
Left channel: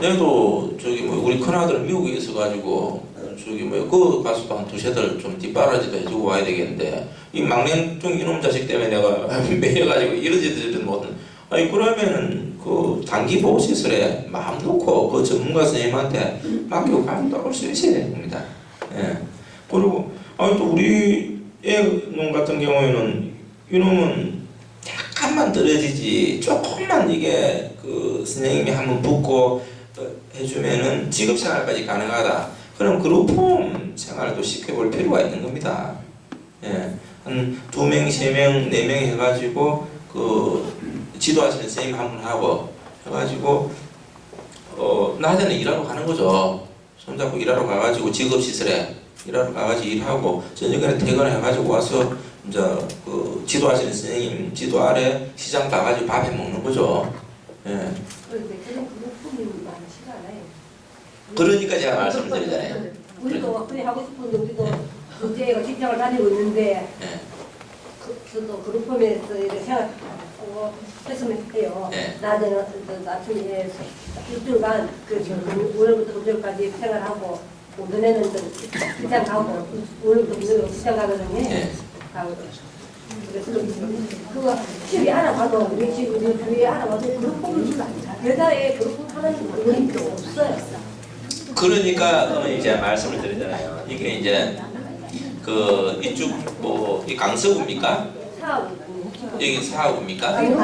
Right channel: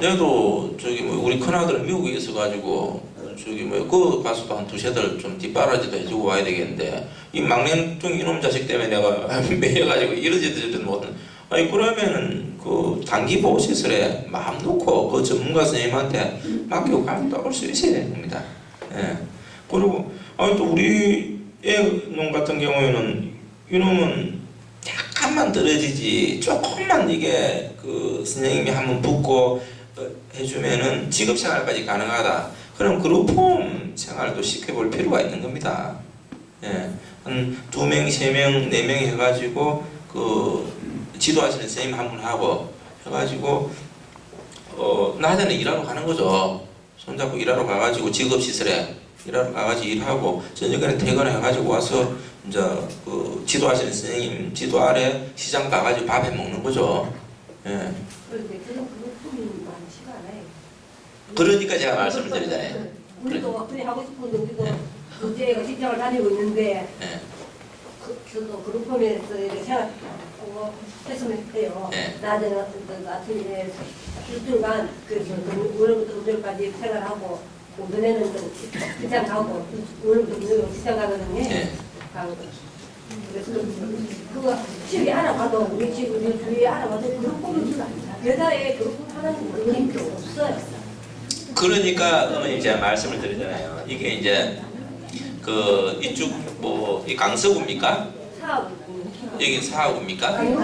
내도 우리 큰아들은 미국에 있어가지고 그 가서도 한 2~3달 좀 뒷바라지도 해주고 와야 되겠는데 이 막내뚱 이놈 자식 때문에 내가 매여가지고 이러지도 못한. 그러면은 단기 보호시설에 마음 놓고 그 전문가 선생님한테 맡기고 가면 또 올 수 있어야 되는 겁니다. 예. 그리고 또 우리 애놈 같은 경우에는 이놈은 약간만 떨어지지 조금만 이게 선생님이 한번 붙고 해주면은 직업생활까지 가능하다. 그럼 그룹홈 생활도 시켜볼 필요가 있는 겁니다. 예. 한 2명, 3명, 4명 해가지고 지도하시는 선생님 한 분 하고 해가지고 낮에는 일하러 가는 거죠. 손잡고 일하러 가가지고 직업시설에 일하러 가가지고 일하고 저녁에는 퇴근해가지고 와서 이제 지도하시는 선생님 지도 아래 시장 가가지고 밥 해 먹는 거죠. 예. 그런데 그런 그룹품이 많지가 않아요. 그러니까 제가 말씀을 드리잖아요. 우리도 그래 하고 싶은데 우리도 이제 직장을 다니고 있는데 예. 저도 그룹홈에서 이렇게 생활하고 했으면 해요. 네. 낮에는 아침에 일주일간 월요일부터 금요일까지 생활하고 오전에는 직장 가고 월요일부터 금요일 직장 가거든요. 네. 그래서 그거 집에 알아봐도 우리 집 주위에 알아봐도 그룹홈을 여자의 그룹홈 하는 분이 없어요. 그러니까 이제 말씀을 드리잖아요. 이게 이제 이쪽 이 강서구입니까? 여기 사하구입니까? 네.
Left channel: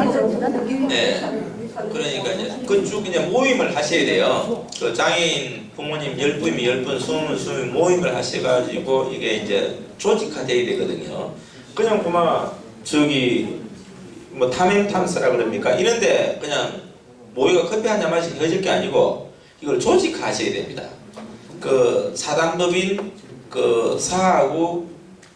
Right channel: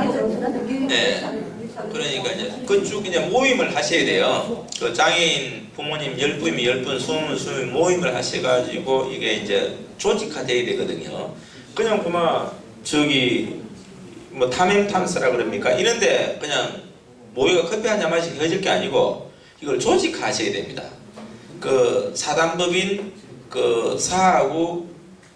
그러니까 이제 그쪽 이제 모임을 하셔야 돼요. 장애인 부모님 10분이면 10분, 20분 모임을 하셔가지고 이게 이제 조직화돼야 되거든요. 그냥 탐행 탐사라 그럽니까? 이런데 그냥 모여가 커피 한 잔 마시고 헤어질 게 아니고 이걸 조직화하셔야 됩니다. 사단법인 사하구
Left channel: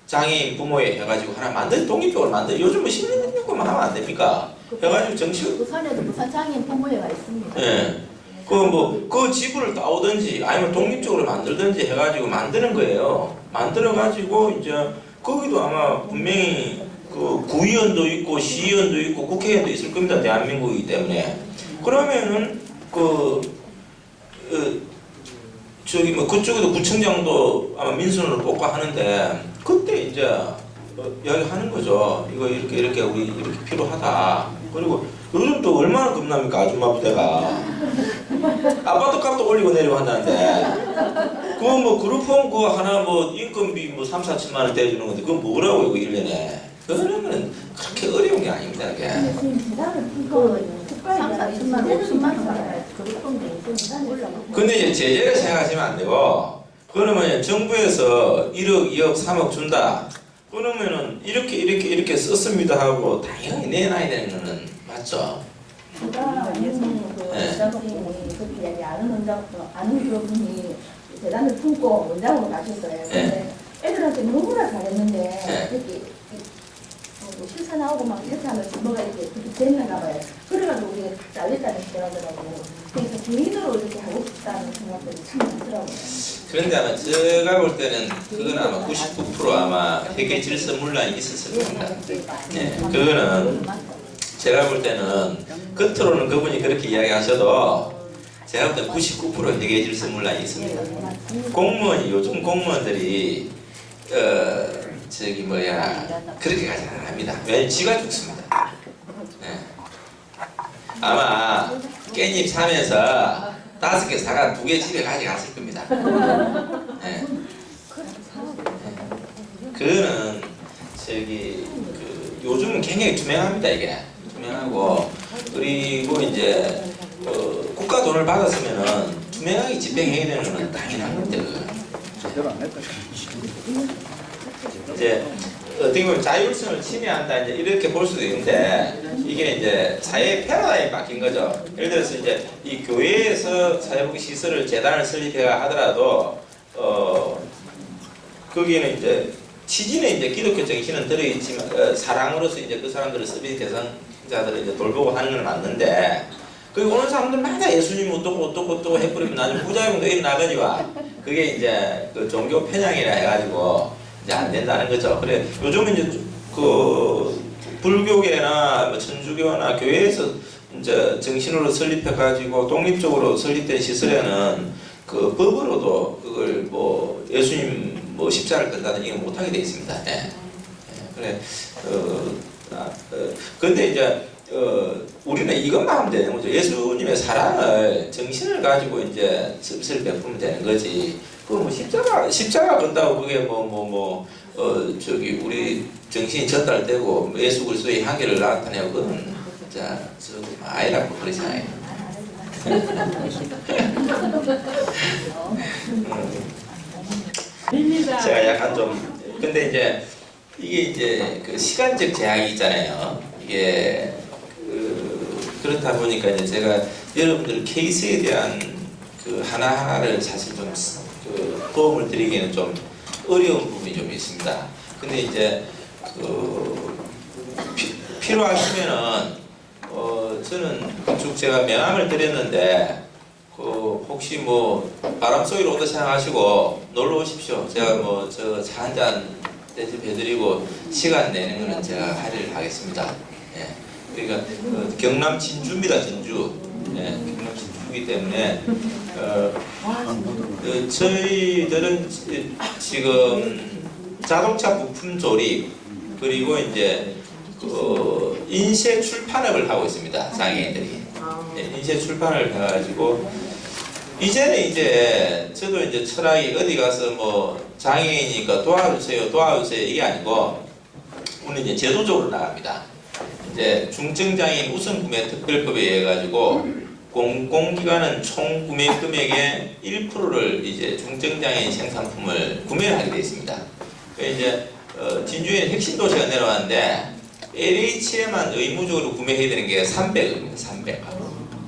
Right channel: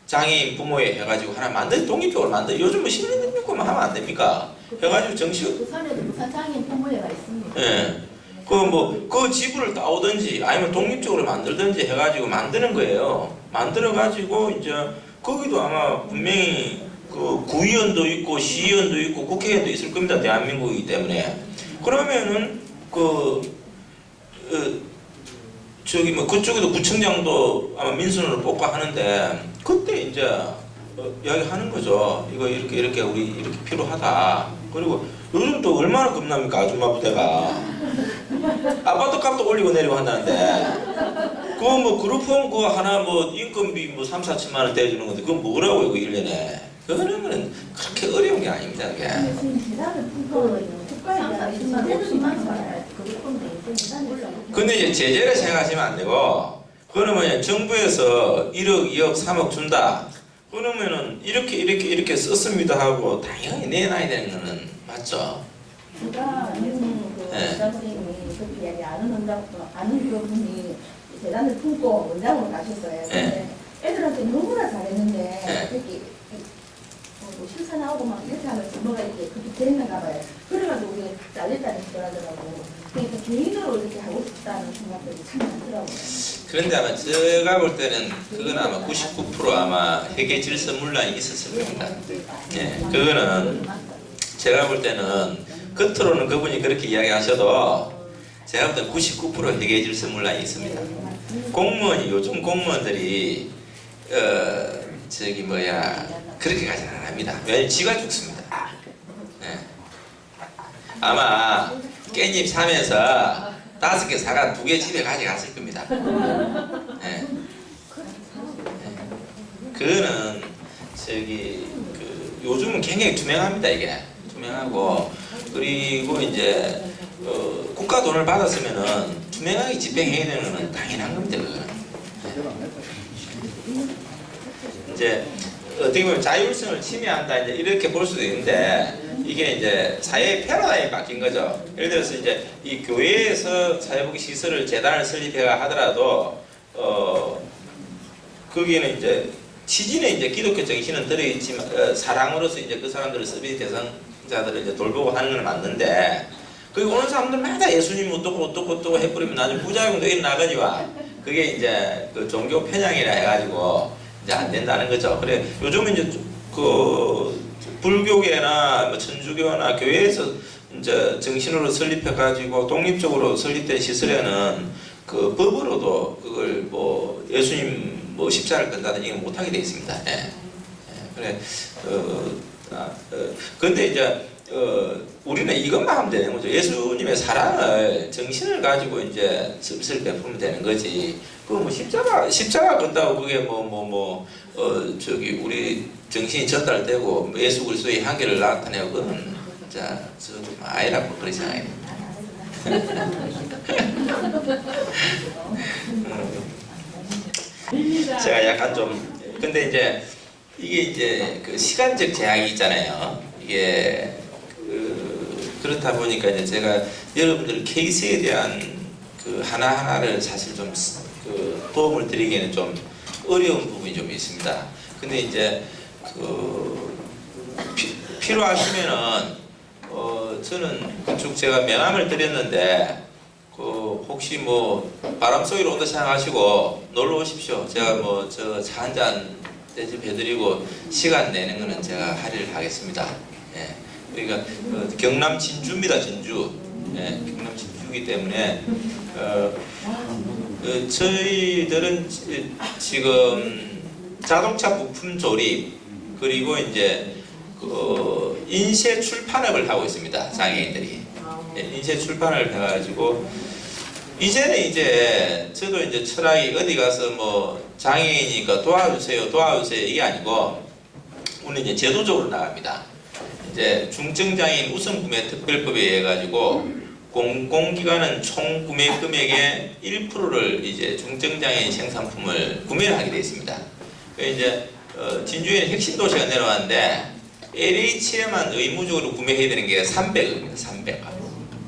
장애인 부모회 해가지고 하나 독립적으로 요즘은 시민등록금만 하면 안 됩니까? 해가지고 정식. 부산에도 부산 장애인 부모회가 있습니다. 예. 그 지부를 따오든지 아니면 독립적으로 만들든지 해가지고 만드는 거예요. 만들어가지고 이제 거기도 아마 분명히 그 구의원도 있고 시의원도 있고 국회의원도 있을 겁니다. 대한민국이기 때문에. 그러면은 저기 뭐 그쪽에도 구청장도 아마 민선으로 뽑고 하는데 그때 이제 이야기하는 거죠. 이거 이렇게 우리 이렇게 필요하다. 그리고 요즘 또 얼마나 겁납니까 아줌마 부대가. 아파트 값도 올리고 내리고 한다는데 그거 뭐 그룹홈 그거 하나 뭐 인건비 뭐 3, 4천만 원 대주는 건데 그건 뭐라고요 그 1년에. 그러면 그렇게 어려운 게 아닙니다 그게. 근데 지금 재단을 품고 국가에 대한 2천만 원, 50만 원 근데 이제 제재를 생각하시면 안 되고 그러면 정부에서 1억, 2억, 3억 준다. 그러면은 이렇게 썼습니다 하고 당연히 내놔야 되는 거는 맞죠. 제가 아는 그 네. 원장 선생님이 그렇게 이야기 아는 그분이 재단을 품고 원장으로 가셨어요. 근데 애들한테 너무나 잘했는데 네. 이렇게 뭐 실사 나오고 막 이렇게 하면 뭐가 이렇게 그렇게 됐는가 봐요. 그래가지고 우리가 다 잘렸다는 소리하더라고. 그러니까 개인으로 이렇게 하고 싶다는 생각들이 참 많더라고요. 그런데 아마 제가 볼 때는 그건 아마 99% 아마 회계 질서 문란이 있었을 겁니다. 네, 그거는 제가 볼 때는 겉으로는 그분이 그렇게 이야기하셔도 제가 볼 때는 99% 회계 질서 문란이 있습니다. 공무원이 요즘 공무원들이 저기 뭐야 그렇게까지는 안 합니다. 왜냐면 지가 죽습니다. 네. 아마 깻잎 사면서 5개 사가 2개 집에 가져갔을 겁니다. 네. 그거는 저기 요즘은 굉장히 투명합니다 이게 투명하고 그리고 이제 국가 돈을 받았으면은 투명하게 집행해야 되는 건 당연한 겁니다. 이제 어떻게 보면 자율성을 침해한다 이제 이렇게 볼 수도 있는데 이게 이제 사회의 패러다임이 바뀐 거죠. 예를 들어서 이제 이 교회에서 사회복지 시설을 재단을 설립해야 하더라도 거기는 이제 취지는 이제 기독교 정신은 들어있지만 사랑으로서 이제 그 사람들을 서비스 대상자들을 이제 돌보고 하는 건 맞는데 거기 오는 사람들마다 예수님 어떻고 해버리면 나중에 부작용도 일어나거니와 그게 이제 그 종교 편향이라 해가지고 이제 안 된다는 거죠. 그래 요즘은 이제 그 불교계나 뭐 천주교나 교회에서 이제 정신으로 설립해가지고 독립적으로 설립된 시설에는 그 법으로도 그걸 뭐 예수님 뭐 십자를 건다든지 이거 못하게 돼 있습니다. 예. 그래 근데 이제 우리는 이것만 하면 되는 거죠. 예수님의 사랑을 정신을 가지고 이제 서비스를 베푸면 되는 거지. 그 뭐 십자가 건다고 그게 저기 우리 정신이 전달되고 예수 그리스도의 한계를 나타내고 그건 진짜 저도 아이라고 그러잖아요. 제가 약간 좀 근데 이제 이게 이제 그 시간적 제약이 있잖아요. 이게 그렇다 보니까 이제 제가 여러분들 케이스에 대한 그 하나하나를 사실 좀 그 도움을 드리기에는 좀 어려운 부분이 좀 있습니다. 근데 이제 필요하시면은 저는 쭉 제가 명함을 드렸는데 혹시 뭐 바람 소리로 온다 생각하시고 놀러 오십시오. 제가 뭐 저 차 한잔 대접해드리고 시간 내는 거는 제가 할애를 하겠습니다. 예. 그러니까 경남 진주입니다. 진주. 예. 경남 진주이기 때문에 저희들은 지금 자동차 부품 조립 그리고 이제 인쇄 출판업을 하고 있습니다. 장애인들이. 예, 인쇄 출판을 해가지고 이제는 이제 저도 이제 철학이 어디 가서 뭐 장애인이니까 도와주세요 이게 아니고 우리는 이제 제도적으로 나갑니다. 이제 중증장애인 우선구매 특별법에 의해 가지고 공공기관은 총 구매 금액의 1%를 이제 중증장애인 생산품을 구매를 하게 되어 있습니다. 그래서 이제 진주에는 핵심 도시가 내려왔는데 LH에만 의무적으로 구매해야 되는 게 300억입니다. 300억.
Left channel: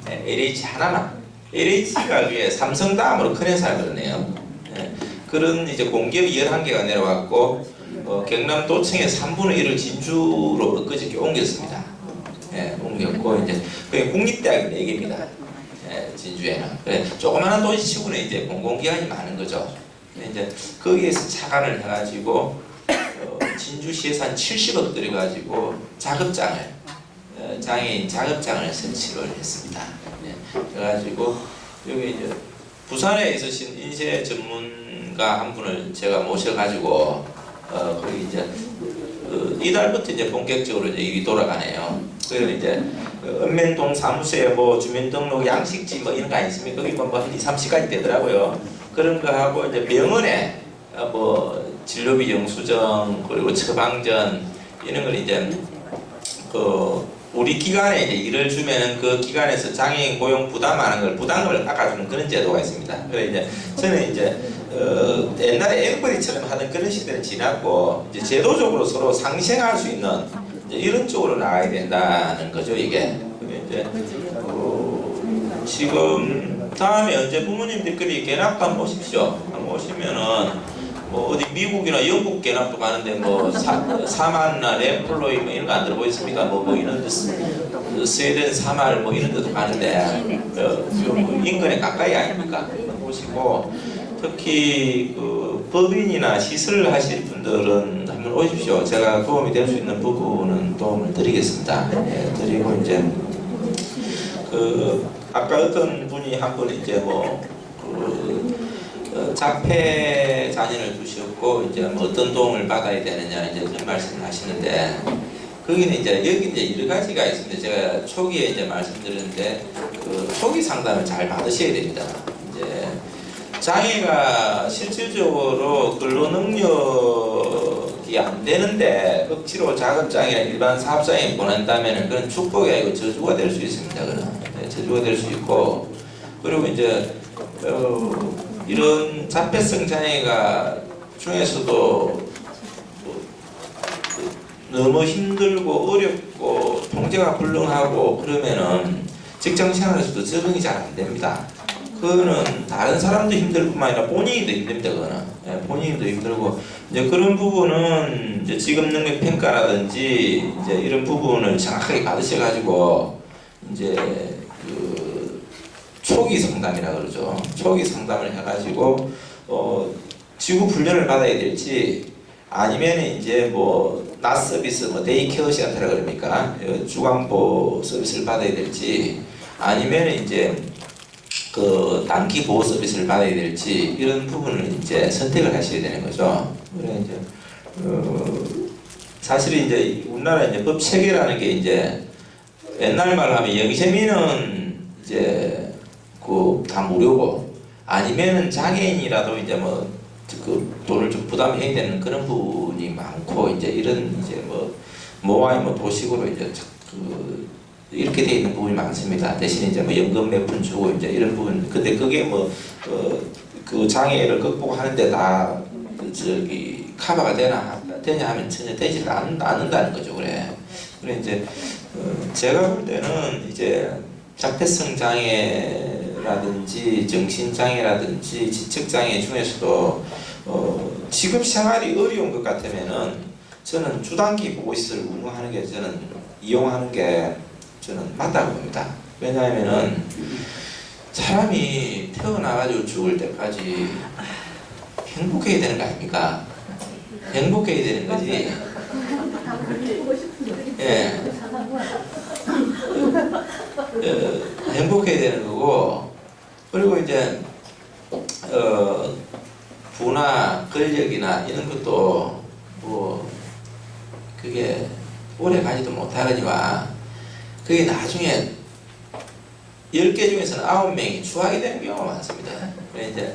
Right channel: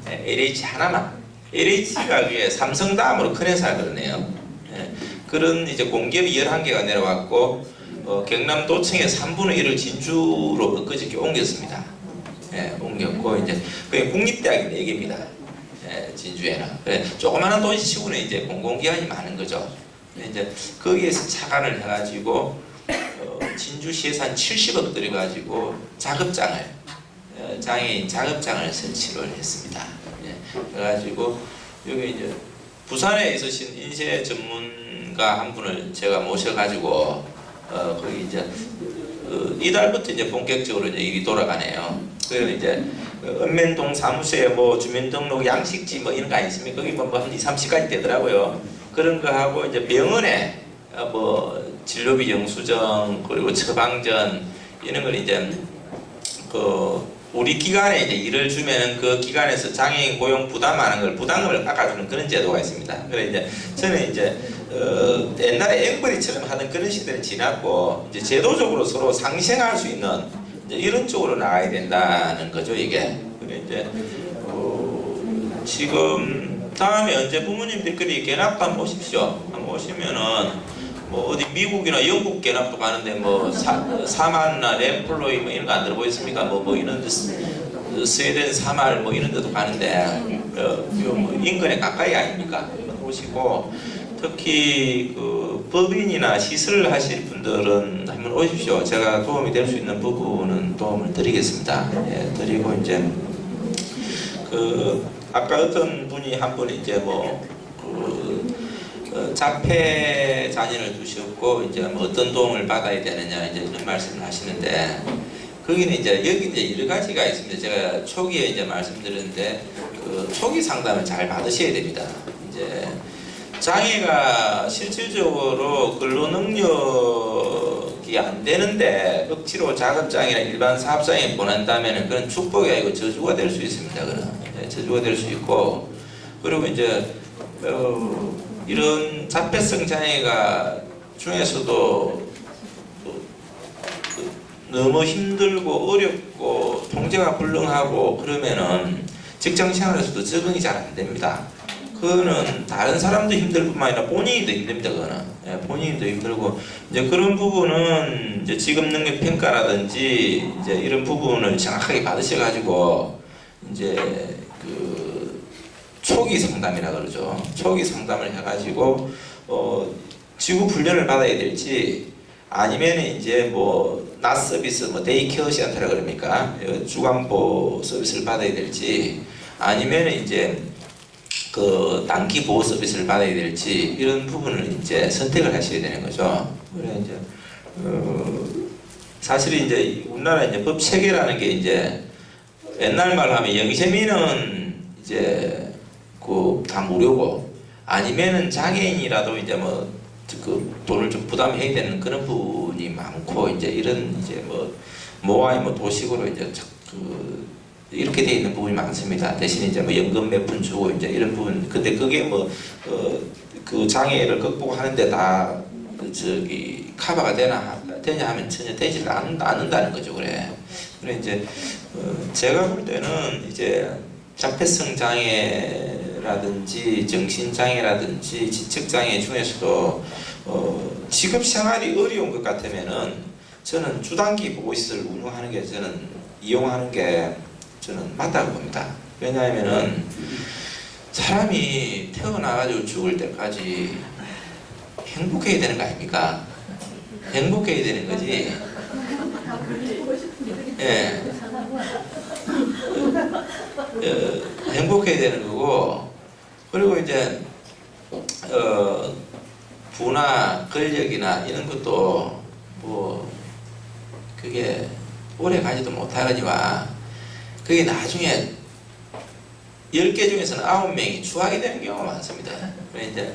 네, LH 하나만. LH가 그게 삼성 다음으로 큰 회사가 그러네요. 네, 그런 이제 공기업이 11개가 내려왔고 경남도청의 3분의 1을 진주로 엊그저께 옮겼습니다. 네, 옮겼고 이제 그게 국립대학이 4개입니다. 네, 진주에는. 그래, 조그마한 도시치고는 이제 공공기관이 많은 거죠. 근데 이제 거기에서 착안을 해가지고 진주시에서 한 70억 들여가지고 작업장을 장애인 작업장을 설치를 했습니다. 예, 그래가지고 여기 이제 부산에 있으신 인쇄 전문가 한 분을 제가 모셔가지고 거기 이제 이달부터 이제 본격적으로 이제 일이 돌아가네요. 그래서 이제 읍면동 사무소에 뭐 주민등록 양식지 뭐 이런 거 아니십니까? 거기 뭐한 2, 3시간이 되더라고요. 그런 거 하고 이제 병원에 뭐 진료비 영수증 그리고 처방전 이런 걸 이제 우리 기관에 이제 일을 주면은 그 기관에서 장애인 고용 부담하는 걸 부담금을 깎아주는 그런 제도가 있습니다. 그래 이제 저는 이제 옛날에 앵벌이처럼 하던 그런 시대는 지났고 이제 제도적으로 서로 상생할 수 있는 이제 이런 쪽으로 나가야 된다는 거죠 이게. 그래 이제 지금 다음에 언제 부모님들끼리 견학도 한번 오십시오. 한번 오시면은 뭐 어디 미국이나 영국 견학도 가는데 뭐 사만나 램플로이 뭐 이런 거 안 들어보셨습니까? 뭐 이런 데 스웨덴 사말 뭐 이런 데도 가는데 뭐 인근에 가까이 아닙니까? 보시고 특히 그 법인이나 시설을 하실 분들은 한번 오십시오. 제가 도움이 될 수 있는 부분은 도움을 드리겠습니다. 예, 드리고 이제 그 아까 어떤 분이 한 분 이제 자폐 자녀를 두셨고 이제 뭐 어떤 도움을 받아야 되느냐 이제 그런 말씀을 하시는데 거기는 이제 여기 이제 여러 가지가 있습니다. 제가 초기에 이제 말씀드렸는데 그 초기 상담을 잘 받으셔야 됩니다. 이제 장애가 실질적으로 근로 능력이 안 되는데 억지로 작업장이나 일반 사업장에 보낸다면은 그건 축복이 아니고 저주가 될 수 있습니다. 그는 저주가 될 수 있고 그리고 이제 이런 자폐성 장애가 중에서도 너무 힘들고 어렵고 통제가 불능하고 그러면은 직장 생활에서도 적응이 잘 안 됩니다. 그거는 다른 사람도 힘들 뿐만 아니라 본인도 힘듭니다. 그거는 예, 본인도 힘들고 이제 그런 부분은 이제 직업 능력 평가라든지 이제 이런 부분을 정확하게 받으셔가지고 이제 그 초기 상담이라 그러죠. 초기 상담을 해가지고 지구 훈련을 받아야 될지 아니면 이제 뭐 낮 서비스 뭐 데이케어 센터라 그럽니까 주간보 서비스를 받아야 될지 아니면 이제 그 단기 보호 서비스를 받아야 될지 이런 부분을 이제 선택을 하셔야 되는 거죠. 그래 이제 사실 이제 우리나라 이제 법 체계라는 게 이제 옛날 말로 하면 영세민은 이제 그 다 무료고 아니면은 장애인이라도 이제 뭐 그 돈을 좀 부담해야 되는 그런 부분이 많고 이제 이런 이제 모아이 도식으로 이제 그 이렇게 돼 있는 부분이 많습니다. 대신 이제 뭐 연금 몇 푼 주고 이제 이런 부분. 근데 그게 그 장애를 극복하는데 다 저기 커버가 되냐 하면 전혀 되지 않는다는 거죠. 그래 이제 제가 볼 때는 이제 자폐성 장애라든지 정신 장애라든지 지적 장애 중에서도 직업 생활이 어려운 것 같으면은 저는 주단기 보호시설 운영하는 게 저는 이용하는 게 저는 맞다고 봅니다. 왜냐하면은 사람이 태어나가지고 죽을 때까지 행복해야 되는 거 아닙니까? 행복해야 되는 거지. 예. 행복해야 되는 거고 그리고 이제 부나 권력이나 이런 것도 뭐 그게 오래 가지도 못하거니와 그게 나중에 10개 중에서는 9명이 추하게 되는 경우가 많습니다. 그래 이제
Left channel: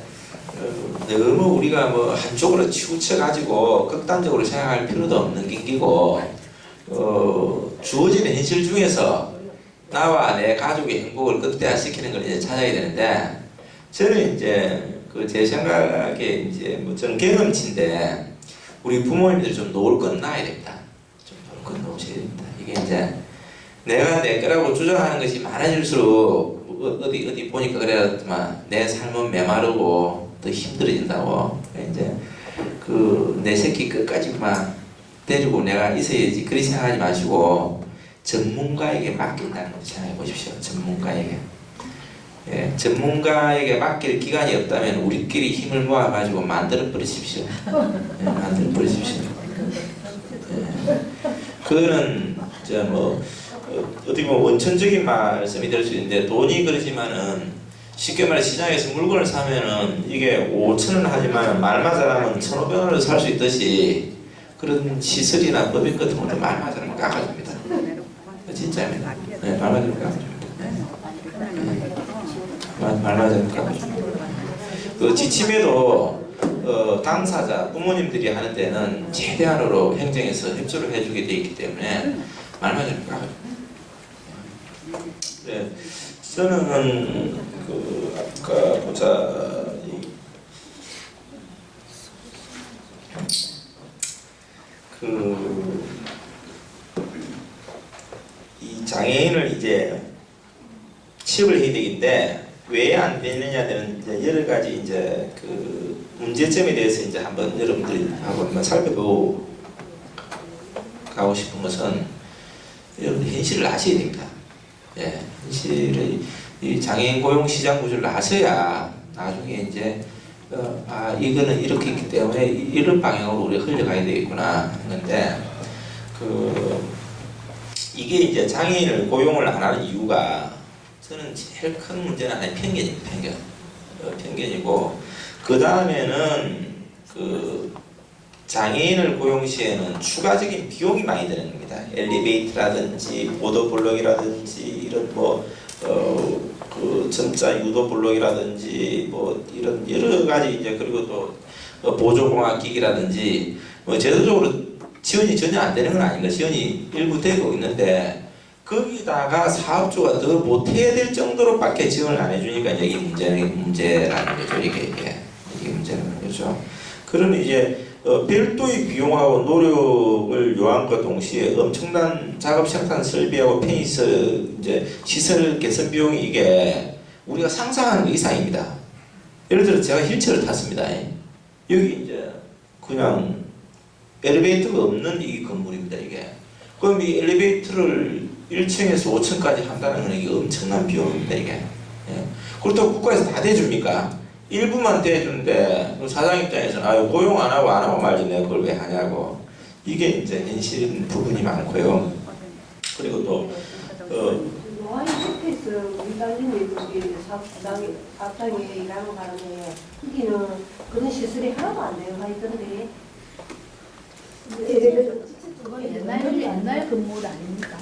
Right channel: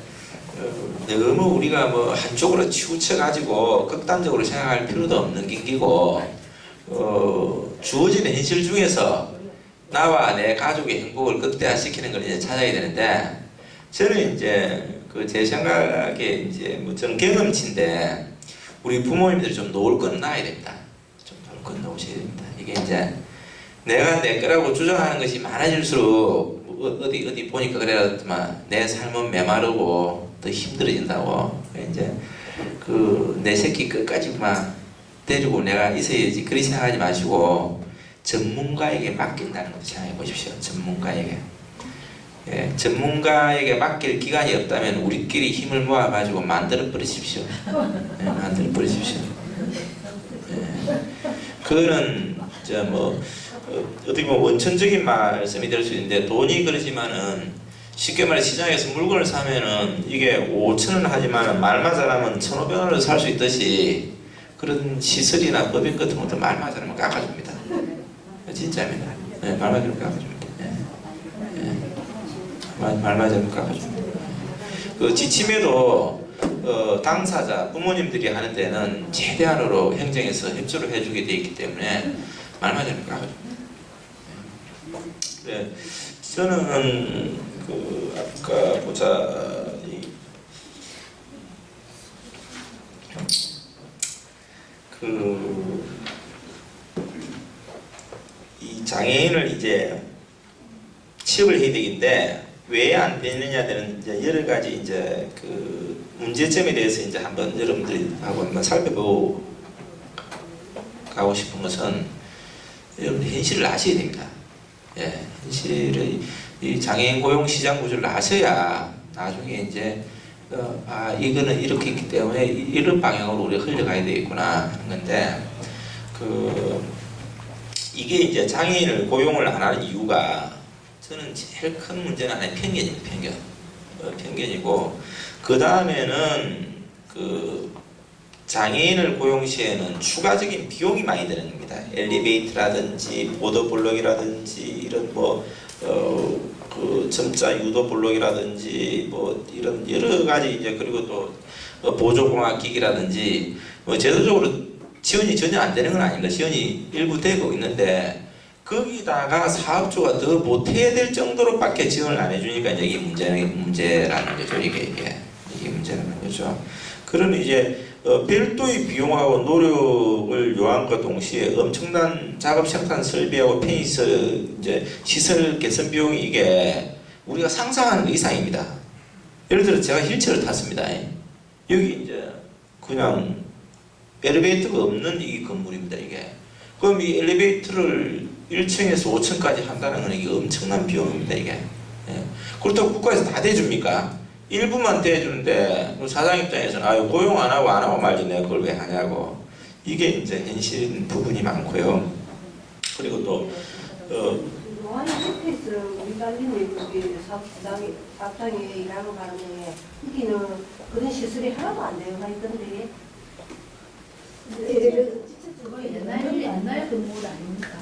너무 우리가 뭐 한쪽으로 치우쳐 가지고 극단적으로 생각할 필요도 없는 긴기고 주어지는 현실 중에서 나와 내 가족의 행복을 극대화시키는 걸 이제 찾아야 되는데 저는 이제 그 제 생각에 이제 뭐 저는 경험치인데 우리 부모님들이 좀 놓을 건 놔야 됩니다. 좀 놓을 건 놓으셔야 됩니다. 이게 이제 내가 내 거라고 주장하는 것이 많아질수록 어디 보니까 그래야지만 내 삶은 메마르고 더 힘들어진다고. 이제 그 내 새끼 끝까지만 데리고 내가 있어야지 그리 생각하지 마시고 전문가에게 맡긴다는 걸 생각해 보십시오. 전문가에게. 예, 전문가에게 맡길 기간이 없다면 우리끼리 힘을 모아 가지고 만들어 버리십시오. 예, 만들어 버리십시오. 그거는 이제 뭐 어떻게 보면 원천적인 말씀이 될 수 있는데 돈이 그러지만은 쉽게 말해 시장에서 물건을 사면은 이게 5,000원 하지만은 말만 잘하면 1,500원으로 살 수 있듯이 그런 시설이나 법인 같은 것도 말만 잘하면 깎아줍니다. 진짜입니다. 네, 말만 잘하면 깎아줍니다. 네. 말만 잘하면 깎아줍니다. 그 지침에도 당사자 부모님들이 하는 데는 최대한으로 행정에서 협조를 해주게 돼 있기 때문에 말만 잘하면 깎아줍니다. 네, 저는 그 아까 보자 이 장애인을 이제 취업을 해야 되는데 왜 안 되느냐는 이제 여러 가지 이제 그 문제점에 대해서 이제 한번 여러분들하고 한번 살펴보고 가고 싶은 것은 여러분 현실을 아셔야 됩니다. 예, 현실의 이 장애인 고용 시장 구조를 아셔야 나중에 이제 이거는 이렇게 있기 때문에 이런 방향으로 우리가 흘러가야 되겠구나 하는 건데 이게 이제 장애인을 고용을 안 하는 이유가 저는 제일 큰 문제는 하나의 편견입니다. 편견이고 그 다음에는 그 장애인을 고용 시에는 추가적인 비용이 많이 드는 겁니다. 엘리베이터라든지 보도 블록이라든지 이런 그 점자 유도 블록이라든지 뭐 이런 여러 가지 이제 그리고 또 보조공학 기기라든지 뭐 제도적으로 지원이 전혀 안 되는 건 아닌가. 지원이 일부 되고 있는데 거기다가 사업주가 더 못해야 될 정도로밖에 지원을 안 해주니까 이제 이게 문제라는 거죠. 이게 문제라는 거죠. 그러면 이제 별도의 비용하고 노력을 요한과 동시에 엄청난 작업 생산 설비하고 페니스 이제 시설 개선 비용이 이게 우리가 상상하는 것 이상입니다. 예를 들어 제가 휠체어를 탔습니다. 여기 이제 그냥 엘리베이터가 없는 이 건물입니다. 이게 그럼 이 엘리베이터를 1층에서 5층까지 한다는 건 이게 엄청난 비용입니다. 이게 그렇다고 국가에서 다 대줍니까? 일부만 대주는데 사장 입장에서는 고용 안 하고 말지 내가 그걸 왜 하냐고 이게 이제 현실 부분이 많고요. 그리고 또 노아이 스페이스 우리 딸님이 거기 사업장에 일하러 가는데 거기는 그런 시설이 하나도 안 되어 있던데 옛날 건물 아닙니까?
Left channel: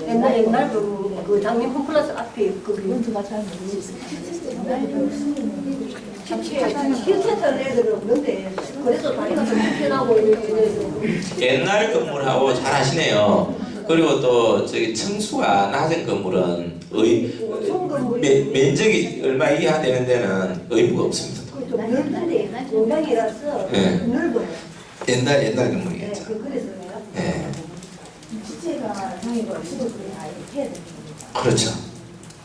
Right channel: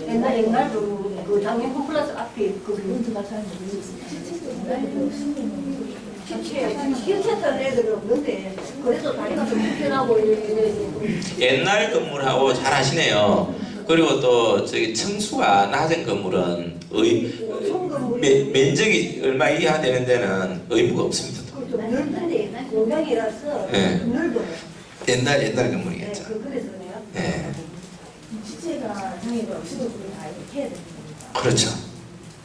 옛날 그 장민품 플러스 앞에 그건 제가 잘 모르겠어요. 옛날 힐센터 애들은 없는데 그래도 다리가 좀 불편하고 이래서 옛날 건물하고 잘 하시네요. 그리고 또 저기 층수가 낮은 건물은 면적이 얼마 이하 되는 데는 의무가 없습니다. 좀 넓은데 공장이라서 넓어요. 옛날 건물이겠죠. 그래서요. 네. 주체가 장애가 없어도 그걸 다 이렇게 해야 되는 겁니까? 그렇죠.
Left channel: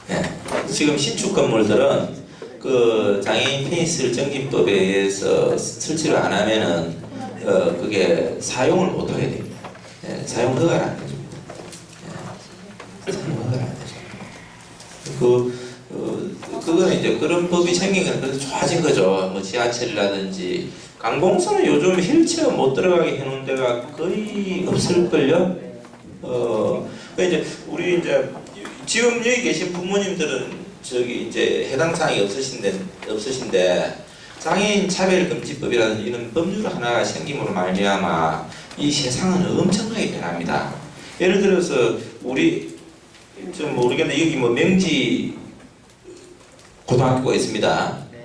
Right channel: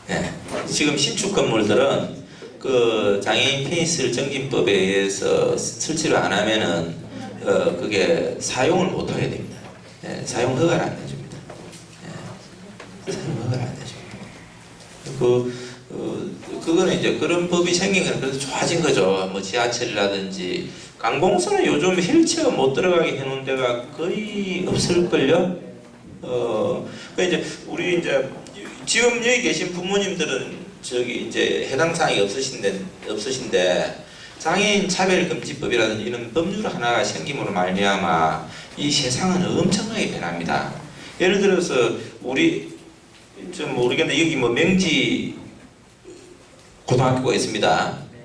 네. 지금 신축 건물들은 그 장애인 페니스 정진법에 의해서 설치를 안 하면은 그게 사용을 못 하게 됩니다. 사용 허가를 안 해줍니다. 사용 허가를 안 해줍니다. 그거는 이제 그런 법이 생긴 건 그래서 좋아진 거죠. 뭐 지하철이라든지 강공선은 요즘 휠체어 못 들어가게 해놓은 데가 거의 없을걸요. 그러니까 이제 우리 이제 지금 여기 계신 부모님들은 저기 이제 해당 사항이 없으신데 장애인 차별금지법이라든지 이런 법률 하나가 생김으로 말미암아 이 세상은 엄청나게 변합니다. 예를 들어서 우리 좀 모르겠는데 여기 뭐 명지 고등학교가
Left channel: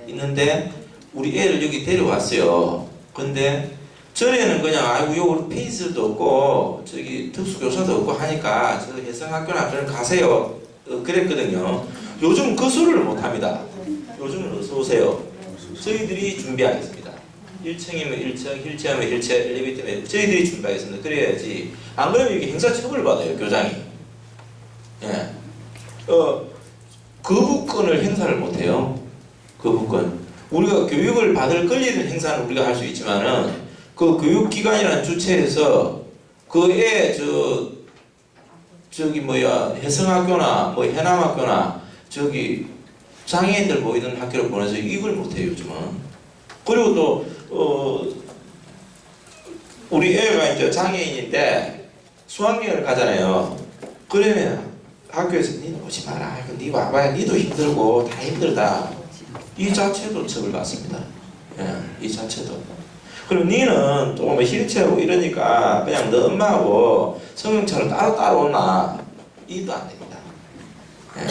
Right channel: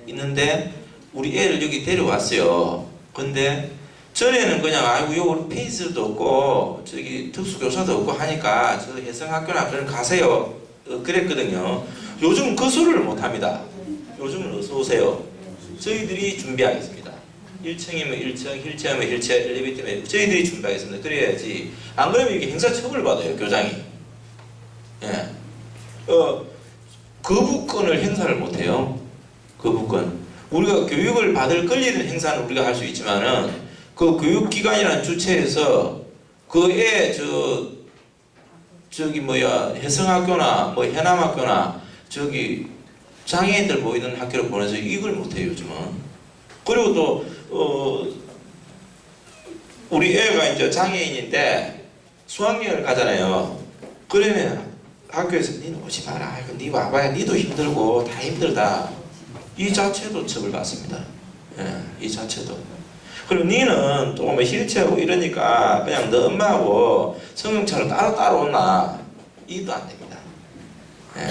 있는데 우리 애를 여기 데려왔어요. 근데 전에는 그냥 여기 페이스도 없고 저기 특수교사도 없고 하니까 저 혜성학교나 그런 가세요 그랬거든요. 요즘 그 소리를 못합니다. 요즘은 어서 오세요. 저희들이 준비하겠습니다. 1층이면 1층, 휠체어면 휠체어, 엘리베이터면 저희들이 준비하겠습니다. 그래야지 안 그러면 이게 행사 처벌을 받아요. 교장이. 거부권을 행사를 못해요. 거부권. 우리가 교육을 받을 권리는 행사는 우리가 할 수 있지만은 그 교육기관이라는 주체에서 그 애 저기 혜성학교나 뭐 해남학교나 저기 장애인들 모이는 학교를 보내서 이걸 못해요 요즘은. 그리고 또 우리 애가 이제 장애인인데 수학여행을 가잖아요. 그러면 학교에서 니는 오지 마라. 니 와봐야 니도 힘들고 다 힘들다. 이 자체도 처벌받습니다. 예, 이 자체도. 그리고 니는 또 뭐 힐체하고 이러니까 그냥 너 엄마하고 성형차로 따로 온나. 이도 안 됩니다. 예.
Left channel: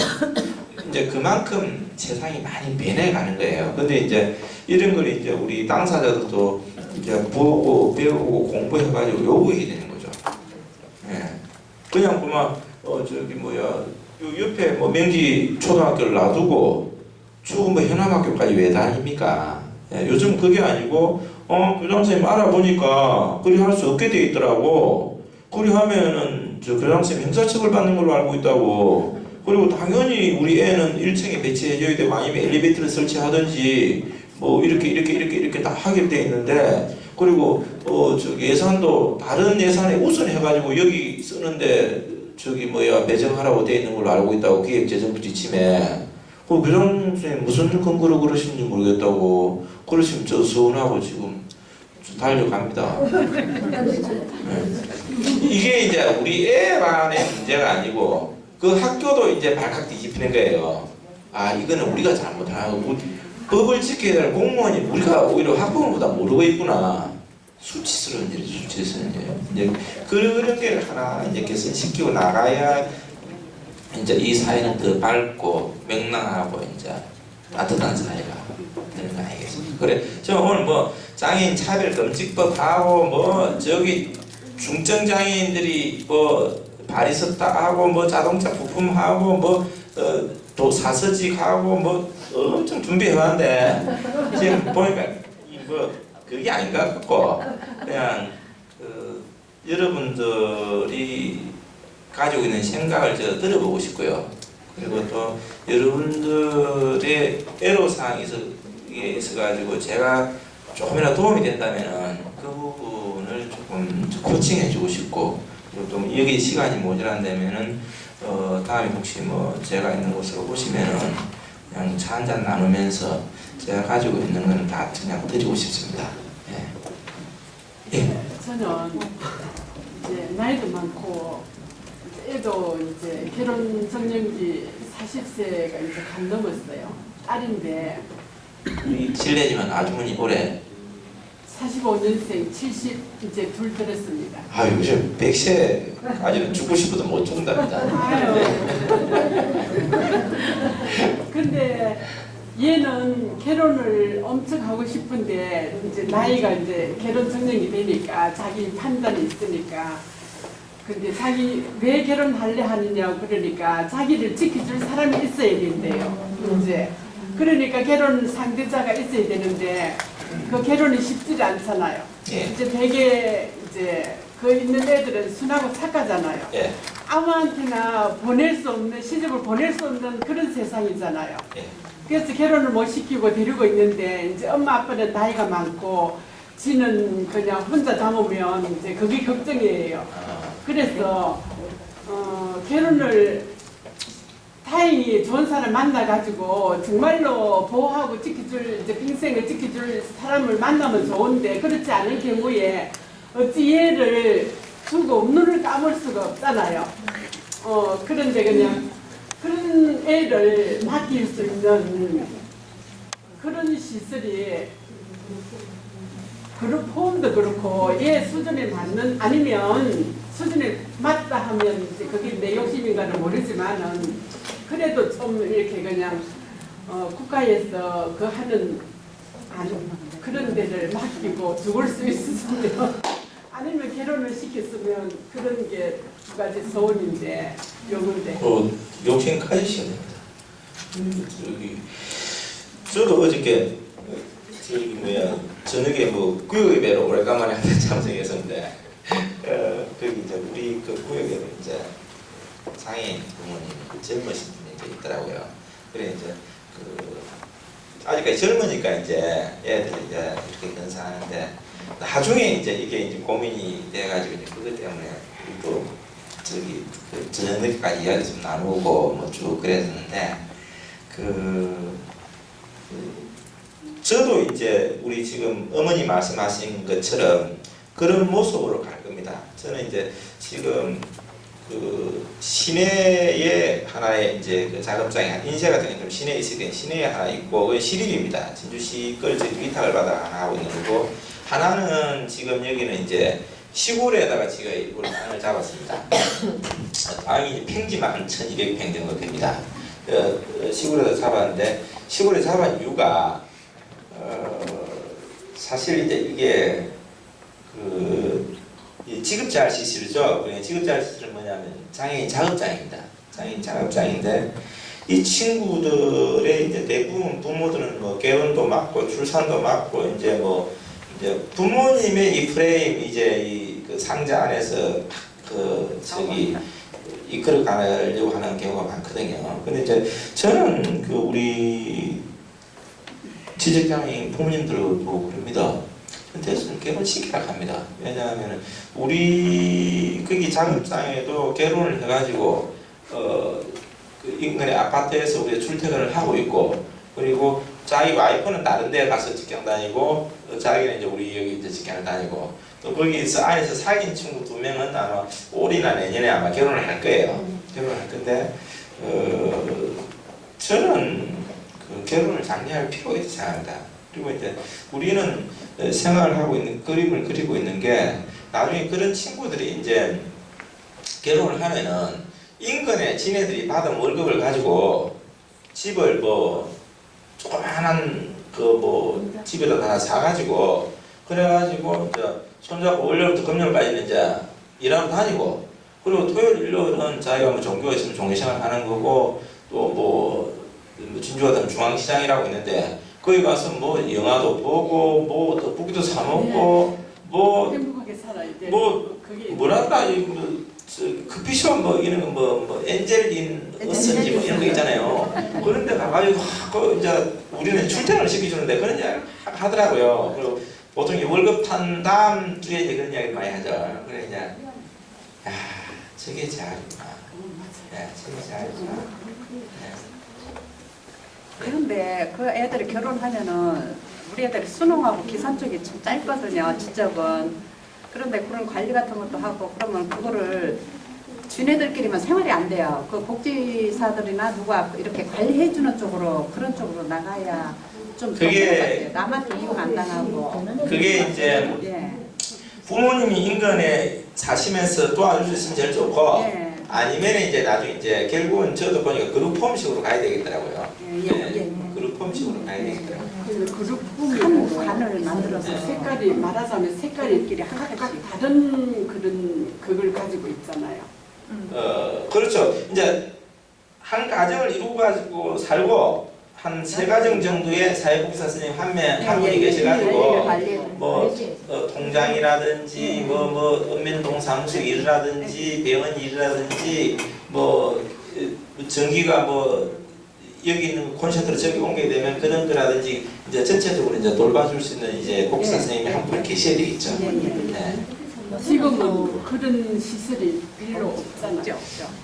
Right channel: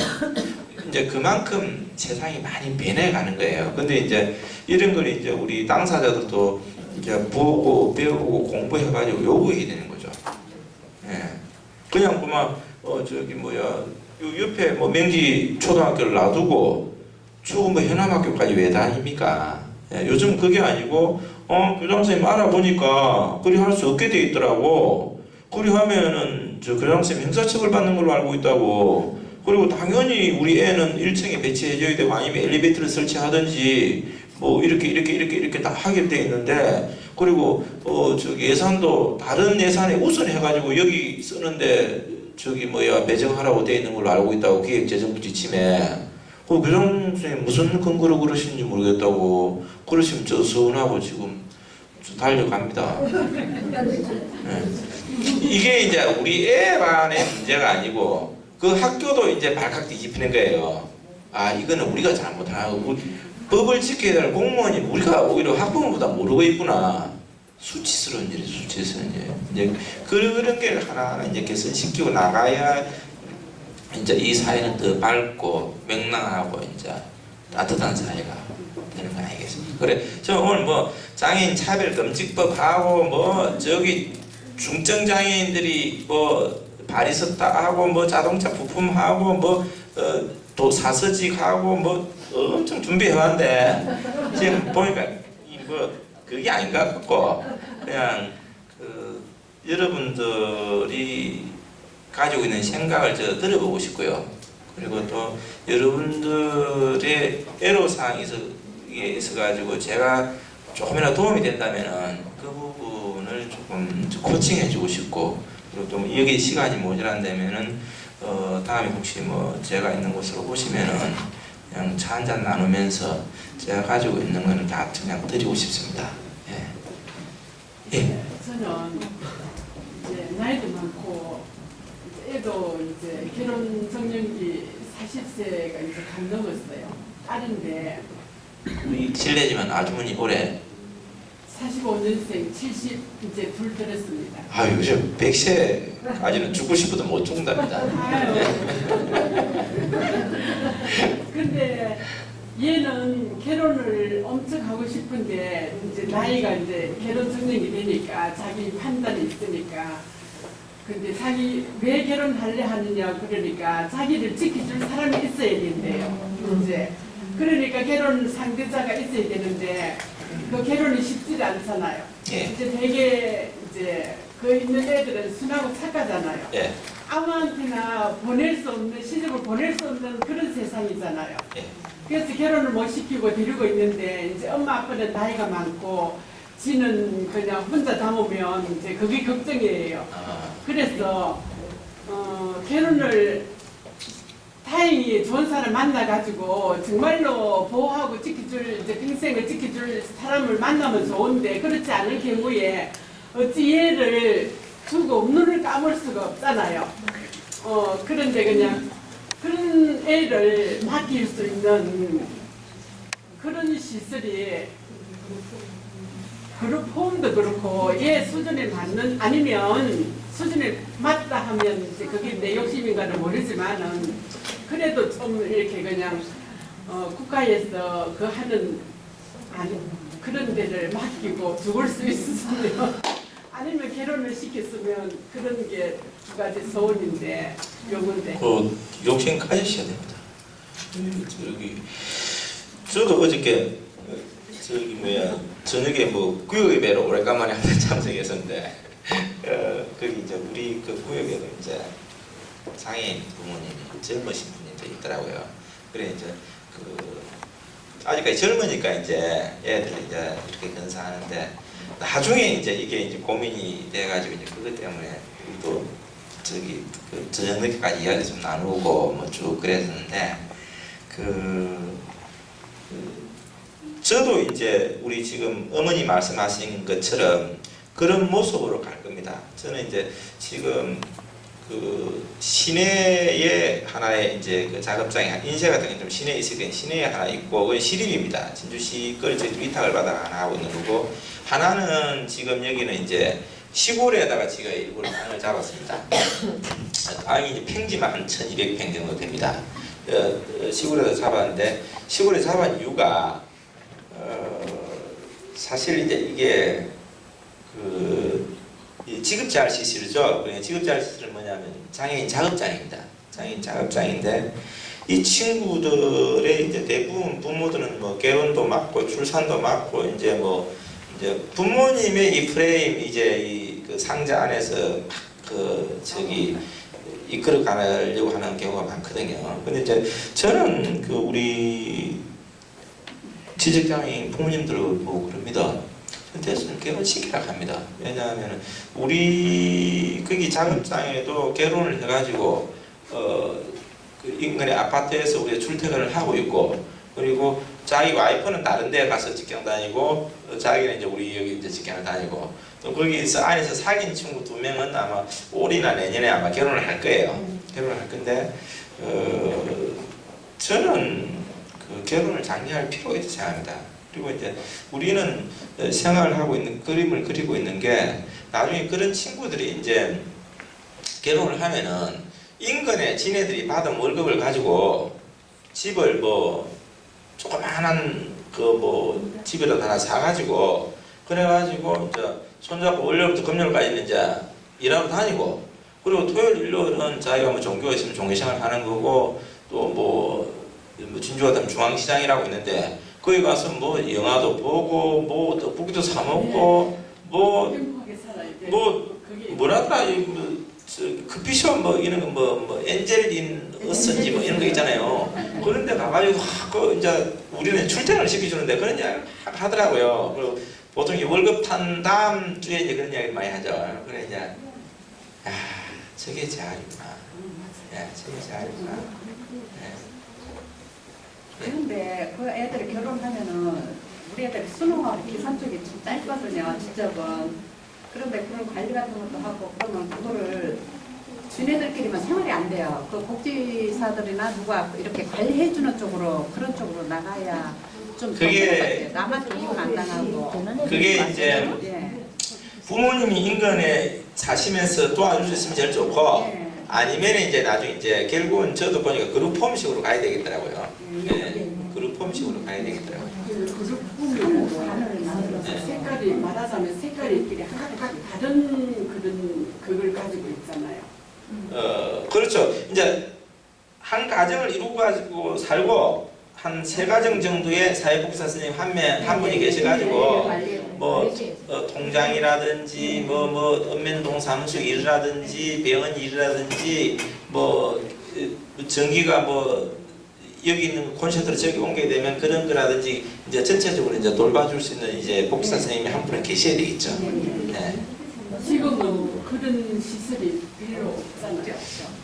이제 그만큼 세상이 많이 변해가는 거예요. 근데 이제 이런 걸 이제 우리 당사자들도 이제 보고 배우고 공부해가지고 요구해야 되는 거죠. 예. 그냥 그만 저기 뭐야 요 옆에 뭐 명지 초등학교를 놔두고 추구 뭐 현암학교까지 왜 다닙니까? 예. 요즘 그게 아니고 교장 선생님 알아보니까 그리 할 수 없게 돼 있더라고. 그리 하면은 저 교장 선생님 형사처벌 받는 걸로 알고 있다고. 그리고 당연히 우리 애는 1층에 배치해줘야 되고 아니면 엘리베이터를 설치하든지 뭐 이렇게 다 하게 돼 있는데 그리고 저기 예산도 다른 예산에 우선해가지고 여기 쓰는데 저기 뭐야 배정하라고 돼 있는 걸로 알고 있다고 기획재정부 지침에 그 교장 선생님 무슨 근거로 그러시는지 모르겠다고 그러시면 저 서운하고 지금 달려갑니다. 네. 이게 이제 우리 애만의 문제가 아니고 그 학교도 이제 발칵 뒤집히는 거예요. 아 이거는 우리가 잘못하고 법을 지켜야 될 공무원이 우리가 오히려 학부모보다 모르고 있구나. 수치스러운 일이 수치스러운 일. 이제 그런 게 하나 이제 개선시키고 나가야 이제 이 사회는 더 밝고 명랑하고 이제 따뜻한 사회가 되는 거 아니겠습니까? 그래 저 오늘 뭐 장애인 차별 금지법 하고 뭐 저기 중증 장애인들이 뭐 발이 섰다 하고 뭐 자동차 부품하고 뭐 또 사서직하고 뭐 엄청 준비해왔는데 지금 보니까 뭐 그게 아닌 것 같고 그냥 여러분들이 가지고 있는 생각을 저 들어보고 싶고요. 그리고 또 여러분들의 애로사항이 있어가지고 제가 조금이라도 도움이 된다면은 그 부분을 조금 코칭해주고 싶고 그리고 또 여기 시간이 모자란다면은 다음에 혹시 뭐 제가 있는 곳으로 오시면은 그냥 차 한잔 나누면서 제가 가지고 있는 거는 다 그냥 드리고 싶습니다. 예. 예. 저는 이제 나이도 많고 이제 애도 이제 결혼 정년기 40세가 이제 간 넘었어요. 딸인데 우리 실례지만 아주머니 올해 45년생 70 이제 둘 들었습니다. 아유 요즘 100세까지는 죽고 싶어도 못 죽는답니다. 아유. 근데 얘는 결혼을 엄청 하고 싶은데 이제 나이가 이제 결혼 정년이 되니까 자기 판단이 있으니까 근데 자기 왜 결혼할래 하느냐고 그러니까 자기를 지켜줄 사람이 있어야 된대요. 이제 그러니까 결혼 상대자가 있어야 되는데 그 결혼이 쉽지 않잖아요. 예. 이제 되게 이제 그 있는 애들은 순하고 착하잖아요. 예. 아무한테나 보낼 수 없는 시집을 보낼 수 없는 그런 세상이잖아요. 예. 그래서 결혼을 못 시키고 데리고 있는데 이제 엄마 아빠는 나이가 많고 지는 그냥 혼자 담으면 이제 그게 걱정이에요. 그래서 결혼을 다행히 좋은 사람 만나가지고 정말로 보호하고 지켜줄 이제 평생을 지켜줄 사람을 만나면 좋은데 그렇지 않을 경우에 어찌 얘를 두고 눈을 감을 수가 없잖아요. 그런데 그냥 그런 애를 맡길 수 있는 그런 시설이 그룹 홈도 그렇고 얘 수준에 맞는 아니면 수준에 맞다 하면 이제 그게 내 욕심인가는 모르지만은 그래도 좀 이렇게 그냥 국가에서 그 하는 그런 데를 맡기고 죽을 수 있으면 아니면 결혼을 시켰으면 그런 게 두 가지 소원인데 요건데. 욕심 가지셔야 됩니다. 저도 어저께 저기 뭐야 저녁에 뭐 구역예배로 오래간만에 한번 참석했었는데 거기 이제 우리 그 구역에도 이제 장애인 부모님이 젊으신 분이 이제 있더라고요. 그래 이제 그 아직까지 젊으니까 이제 애들이 이제 이렇게 건사하는데 나중에 이제 이게 이제 고민이 돼가지고 이제 그것 때문에 또 저기 그 저녁 늦게까지 이야기 좀 나누고 뭐 쭉 그랬었는데 저도 이제 우리 지금 어머니 말씀하신 것처럼 그런 모습으로 갈 겁니다. 저는 이제 지금 그 시내에 하나의 이제 그 작업장이 인쇄 같은 게 좀 시내에 있을 때 시내에 하나 있고 그게 시립입니다. 진주시 걸 저희 위탁을 받아 하나 하고 있는 거고 하나는 지금 여기는 이제 시골에다가 제가 일부러 땅을 잡았습니다. 땅이 이제 평지만 한 1200평 정도 됩니다. 시골에다 잡았는데 시골에 잡은 이유가 사실 이제 이게 이 지급자할 시설이죠. 지급자할 시설은 뭐냐면 장애인 작업장입니다. 장애인 작업장인데 이 친구들의 이제 대부분 부모들은 뭐 결혼도 맞고 출산도 맞고 이제 뭐 이제 부모님의 이 프레임 이제 이 그 상자 안에서 그 저기 이끌어 가려고 하는 경우가 많거든요. 근데 이제 저는 그 우리 지적장애인 부모님들을 보고 그럽니다. 대신 결혼시키라 합니다. 왜냐하면 우리 거기 작업장에도 결혼을 해가지고 그 인근의 아파트에서 우리가 출퇴근을 하고 있고 그리고 자기 와이프는 다른 데 가서 직장 다니고 자기는 이제 우리 여기 이제 직장을 다니고 또 거기서 안에서 사귄 친구 2명은 아마 올해나 내년에 아마 결혼을 할 거예요. 결혼을 할 건데 저는 그 결혼을 장려할 필요가 있다고 생각합니다. 그리고 이제 우리는 생활을 하고 있는 그림을 그리고 있는 게 나중에 그런 친구들이 이제 결혼을 하면은 인근에 지네들이 받은 월급을 가지고 집을 뭐 조그만한 그 뭐 집에다 하나 사가지고 그래가지고 이제 손잡고 월요일부터 금요일까지는 이제 일하러 다니고 그리고 토요일 일요일은 자기가 뭐 종교가 있으면 종교생활 하는 거고 또 뭐 진주 같은 중앙시장이라고 있는데 거기 가서 뭐 영화도 보고 뭐 떡볶이도 사 먹고 뭐 행복하게 살아 이제. 뭐 그게 뭐랄까 커피숍 뭐 이런 거 뭐 엔젤인 어선지 뭐 이런 거 있잖아요. 그런 데 가가지고 그 이제 우리는 출퇴근을 시켜주는데 그런 이야기를 하더라고요. 그리고 보통 이 월급 탄 다음 주에 이제 그런 이야기 많이 하죠. 그래 이제 야 저게 잘이구나. 야 저게 잘이구나. 그런데 그 애들이 결혼하면은 우리 애들이 수능하고 기산 쪽이 좀 짧거든요. 지적은. 그런데 그런 관리 같은 것도 하고 그러면 그거를 지네들끼리만 생활이 안 돼요. 그 복지사들이나 누가 이렇게 관리해주는 쪽으로 그런 쪽으로 나가야 좀 더 그게- 좋은 것 같아요. 남한테 이용 안 당하고. 그게 이제 예. 부모님이 인근에 사시면서 도와줄 수 있으면 제일 좋고 예. 아니면 이제 나중에 이제 결국은 저도 보니까 그룹홈식으로 가야 되겠더라고요. 예. 네, 그룹홈식으로 가야 되겠더라고요. 그룹 한 보면 관을 만들어서 색깔이 말하자면 색깔이 각각 다른 그런 그걸 가지고 있잖아요. 그렇죠. 이제 한 가정을 이루고 가지고 살고 한 3가정 정도의 사회복지사 선생님 한 분이 계셔가지고 뭐 통장이라든지 뭐 읍면동 사무소 일이라든지 병원 일이라든지 뭐 전기가 뭐 여기 있는 콘센트로 저기 옮겨야 되면 그런 거라든지 이제 전체적으로 이제 돌봐줄 수 있는 이제 복지사 선생님이 한 분이 계셔야 되겠죠. 네. 지금은 그런 시설이 별로 없잖아요.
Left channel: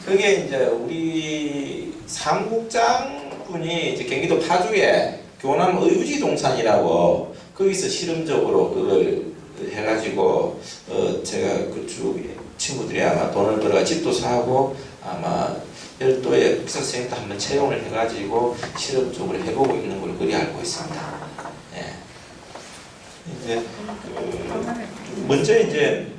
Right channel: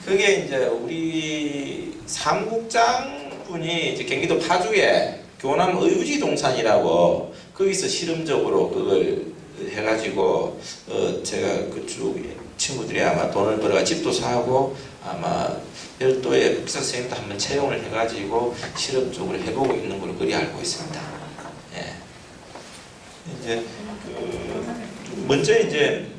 그게 이제 우리 사무국장 분이 이제 경기도 파주에 교남 의유지동산이라고 거기서 실험적으로 그걸 해가지고 제가 그쪽 친구들이 아마 돈을 벌어가 집도 사고 아마 별도의 복지사 선생님도 한번 채용을 해가지고 실험적으로 해보고 있는 걸 그리 알고 있습니다. 예. 이제 먼저 이제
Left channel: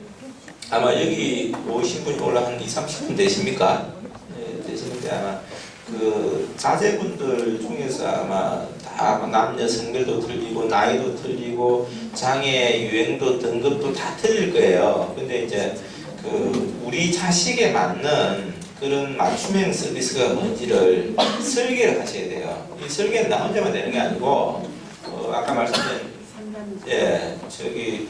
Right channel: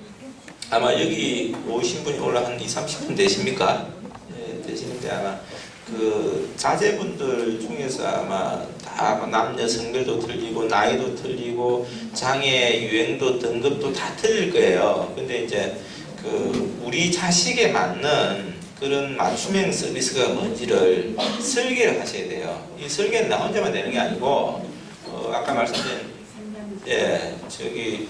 아마 여기 오신 분이 올라 한 20-30분 되십니까? 네, 되시는데 아마 그 자제분들 중에서 아마 다 남녀 성별도 틀리고 나이도 틀리고 장애 유형도 등급도 다 틀릴 거예요. 근데 이제 그 우리 자식에 맞는 그런 맞춤형 서비스가 뭔지를 설계를 하셔야 돼요. 이 설계는 나 혼자만 되는 게 아니고 아까 말씀드린 저기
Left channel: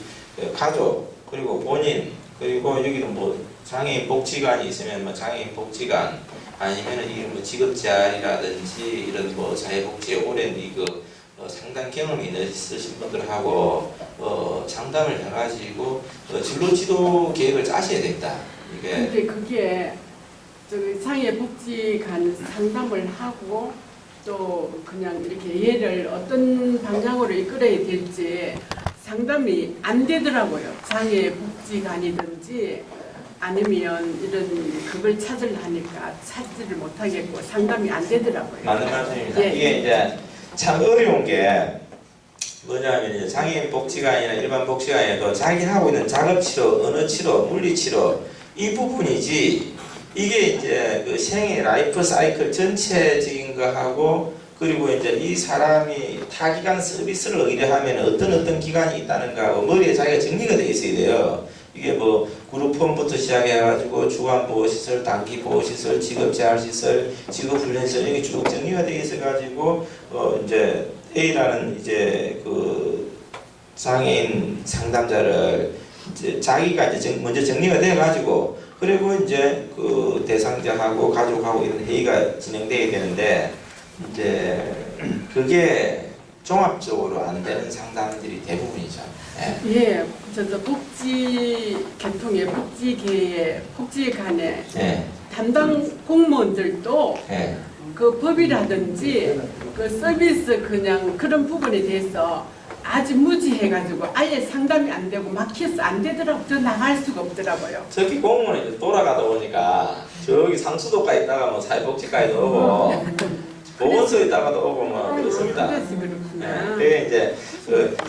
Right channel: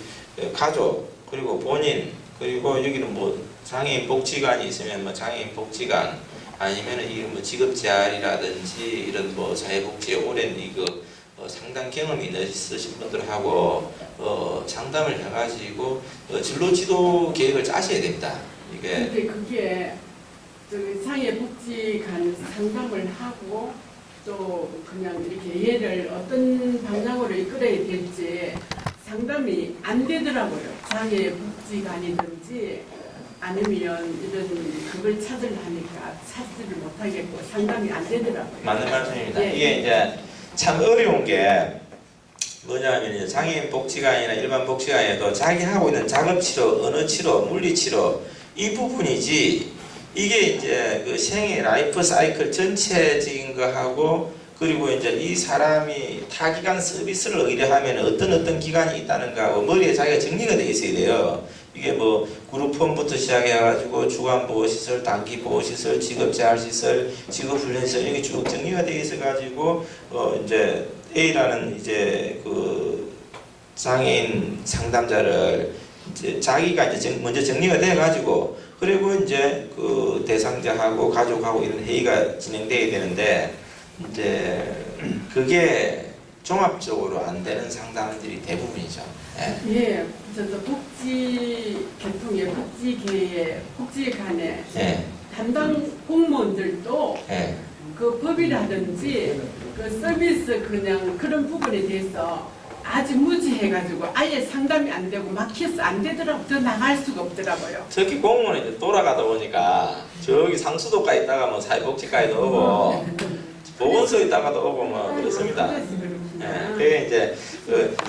가족 그리고 본인 그리고 여기는 뭐 장애인 복지관이 있으면 뭐 장애인 복지관 아니면은 이런 뭐 직업재활이라든지 이런 뭐 사회복지에 오랜 이거 상당 경험이 있으신 분들하고 상담을 해가지고 진로 지도 계획을 짜셔야 됩니다. 이게 근데 그게 저기 장애복지관 상담을 하고 또 그냥 이렇게 얘를 어떤 방향으로 이끌어야 될지 상담이 안 되더라고요. 장애 복지관이든지 아니면 이런 그걸 찾으려니까 찾지를 못하겠고 상담이 안 되더라고요. 맞는 말씀입니다. 예. 이게 이제 참 어려운 게 뭐냐면 이제 장애인 복지관이나 일반 복지관에도 자기 하고 있는 작업 치료, 언어 치료, 물리 치료 이 부분이지 이게 이제 그 생애 라이프 사이클 전체적인 거 하고 그리고 이제 이 사람이 타기관 서비스를 의뢰하면 어떤 기관이 있다는가 하고 머리에 자기가 정리가 돼 있어야 돼요. 이게 뭐 그룹홈부터 시작해가지고 주간보호시설, 단기보호시설, 직업재활시설, 직업훈련시설 이게 쭉 정리가 돼 있어가지고 이제 A라는 이제 그 장애인 상담자를 이제 자기가 이제 먼저 정리가 돼가지고 그리고 이제 그 대상자하고 가족하고 이런 회의가 진행돼야 되는데 이제 그게 종합적으로 안 되는 상담들이 대부분이죠. 예. 예, 저도 복지계통의 복지관에 예. 담당 공무원들도 예. 그 법이라든지 그 서비스 그냥 그런 부분에 대해서 아주 무지해가지고 아예 상담이 안 되고 막혀서 안 되더라고. 더 나갈 수가 없더라고요. 특히 공무원이 이제 돌아가다 보니까 저기 상수도가 있다가 뭐 사회복지과에도 오고 보건소에 있다가도 오고 뭐 그렇습니다. 그래서 그렇구나. 그게 이제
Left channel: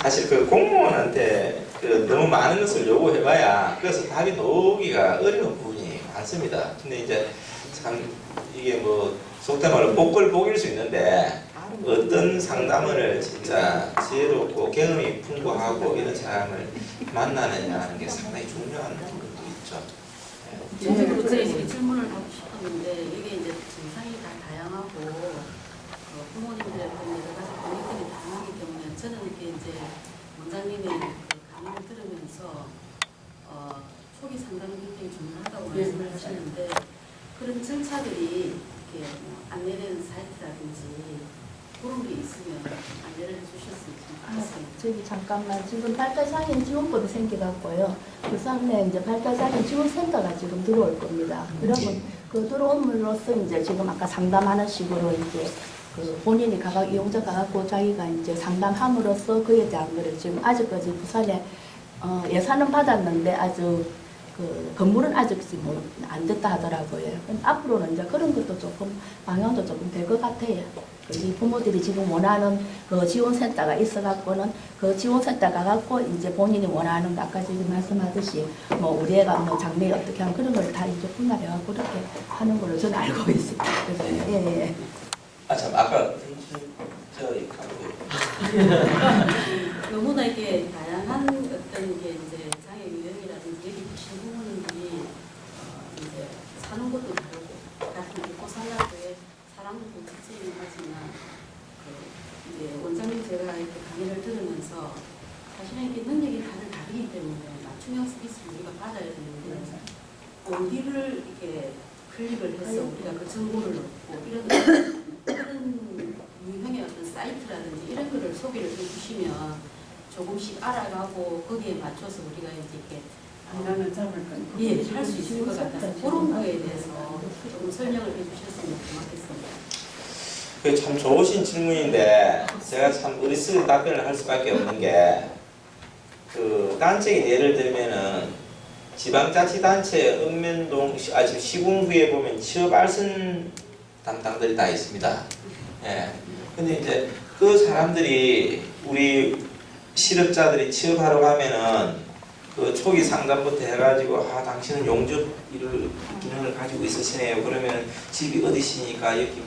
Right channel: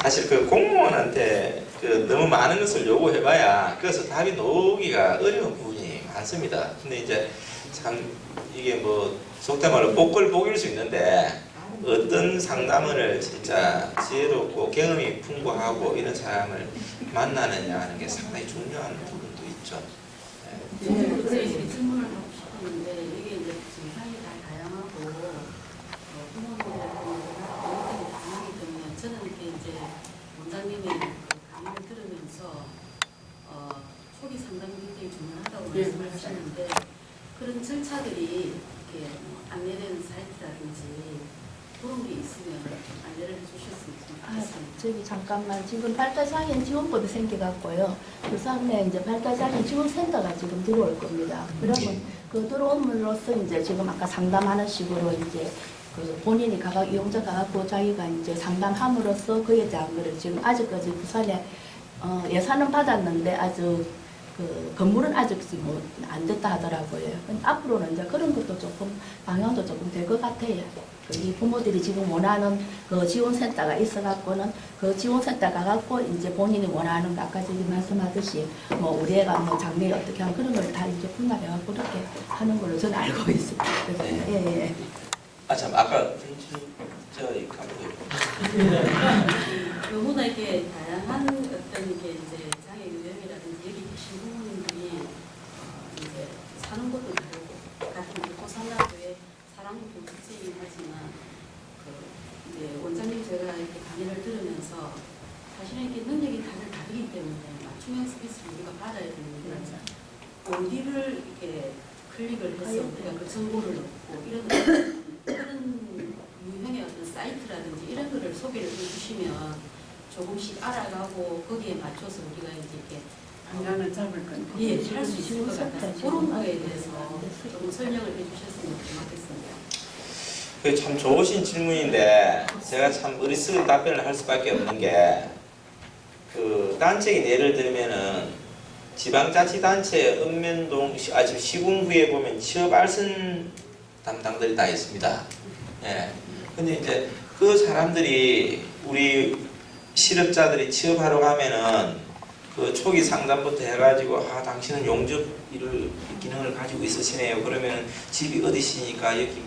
사실 그 공무원한테 너무 많은 것을 요구해봐야 그래서 답이 나오기가 어려운 부분이 많습니다. 근데 이제 참 이게 뭐 속된 말로 복을 수 있는데 어떤 상담을 진짜 지혜롭고 경험이 풍부하고 이런 사람을 만나느냐 하는 게 상당히 중요한 부분도 있죠. 네. 저도 제 질문을 하고 싶었는데 이게 이제 증상이 다 다양하고 부모님들의 여러 가지 고민들이 다양하기 때문에 저는 이렇게 이제 원장님의 그 강의를 들으면서 초기 상담이 굉장히 중요하다고 예, 말씀을 맞아요. 하셨는데 그런 절차들이 이렇게 뭐 안내되는 사이트라든지 그런 게 있으면 안내를 해주셨으면 좋겠습니다. 저기 잠깐만 지금 발달장애인 지원법이 생겨갖고요. 부산에 이제 발달장애인 지원센터가 지금 들어올 겁니다. 그러면 그 들어옴으로써 이제 지금 아까 상담하는 식으로 이제 그 본인이 이용자 가갖고 자기가 이제 상담함으로써 그에 대한 거를 지금 아직까지 부산에 예산은 받았는데 아주 그 건물은 아직 뭐 안 됐다 하더라고요. 근데 앞으로는 이제 그런 것도 조금 방향도 조금 될 것 같아요. 이 부모들이 지금 원하는 그 지원센터가 있어갖고는 그 지원센터 가갖고 이제 본인이 원하는 거 아까 지금 말씀하듯이 뭐 우리 애가 뭐 장래 어떻게 하면 그런 걸 다 이제 분할해갖고 그렇게 하는 걸로 저는 알고 있습니다. 그래서 예. 아 참 아까 저희 감독님 너무나 이게 다양한 어떤 게 이제 장애 유형이라든지 여기 계신 부모님들이 이제 사는 것도 다르고 같은 고산학교에 사랑도 복지이긴 하지만 그 이제 원장님 제가 이렇게 강의를 들으면서 사실은 이렇게 능력이 다들 다르기 때문에 맞춤형 서비스를 우리가 받아야 되는데 어디를 이렇게 클릭을 해서 우리가 그 정보를 넣고 이런 유형의 어떤 사이트라든지 이런 거를 소개를 해주시면 조금씩 알아가고 거기에 맞춰서 우리가 이제 이렇게 방향을 잡을 건. 예, 할 수 있을 것 같아서 그런 거에 대해서 조금 설명을 해주셨으면 고맙겠습니다. 그게 참 좋으신 질문인데 제가 참 어리석은 답변을 할 수밖에 없는 게 그 단체인 예를 들면은 지방자치단체 읍면동 지금 시군구에 보면 취업 알선 담당들이 다 있습니다. 예. 근데 이제 그 사람들이 우리 실업자들이 취업하러 가면은 그 초기 상담부터 해가지고 당신은 용접 이를 기능을 가지고 있으시네요. 그러면 집이 어디시니까 여기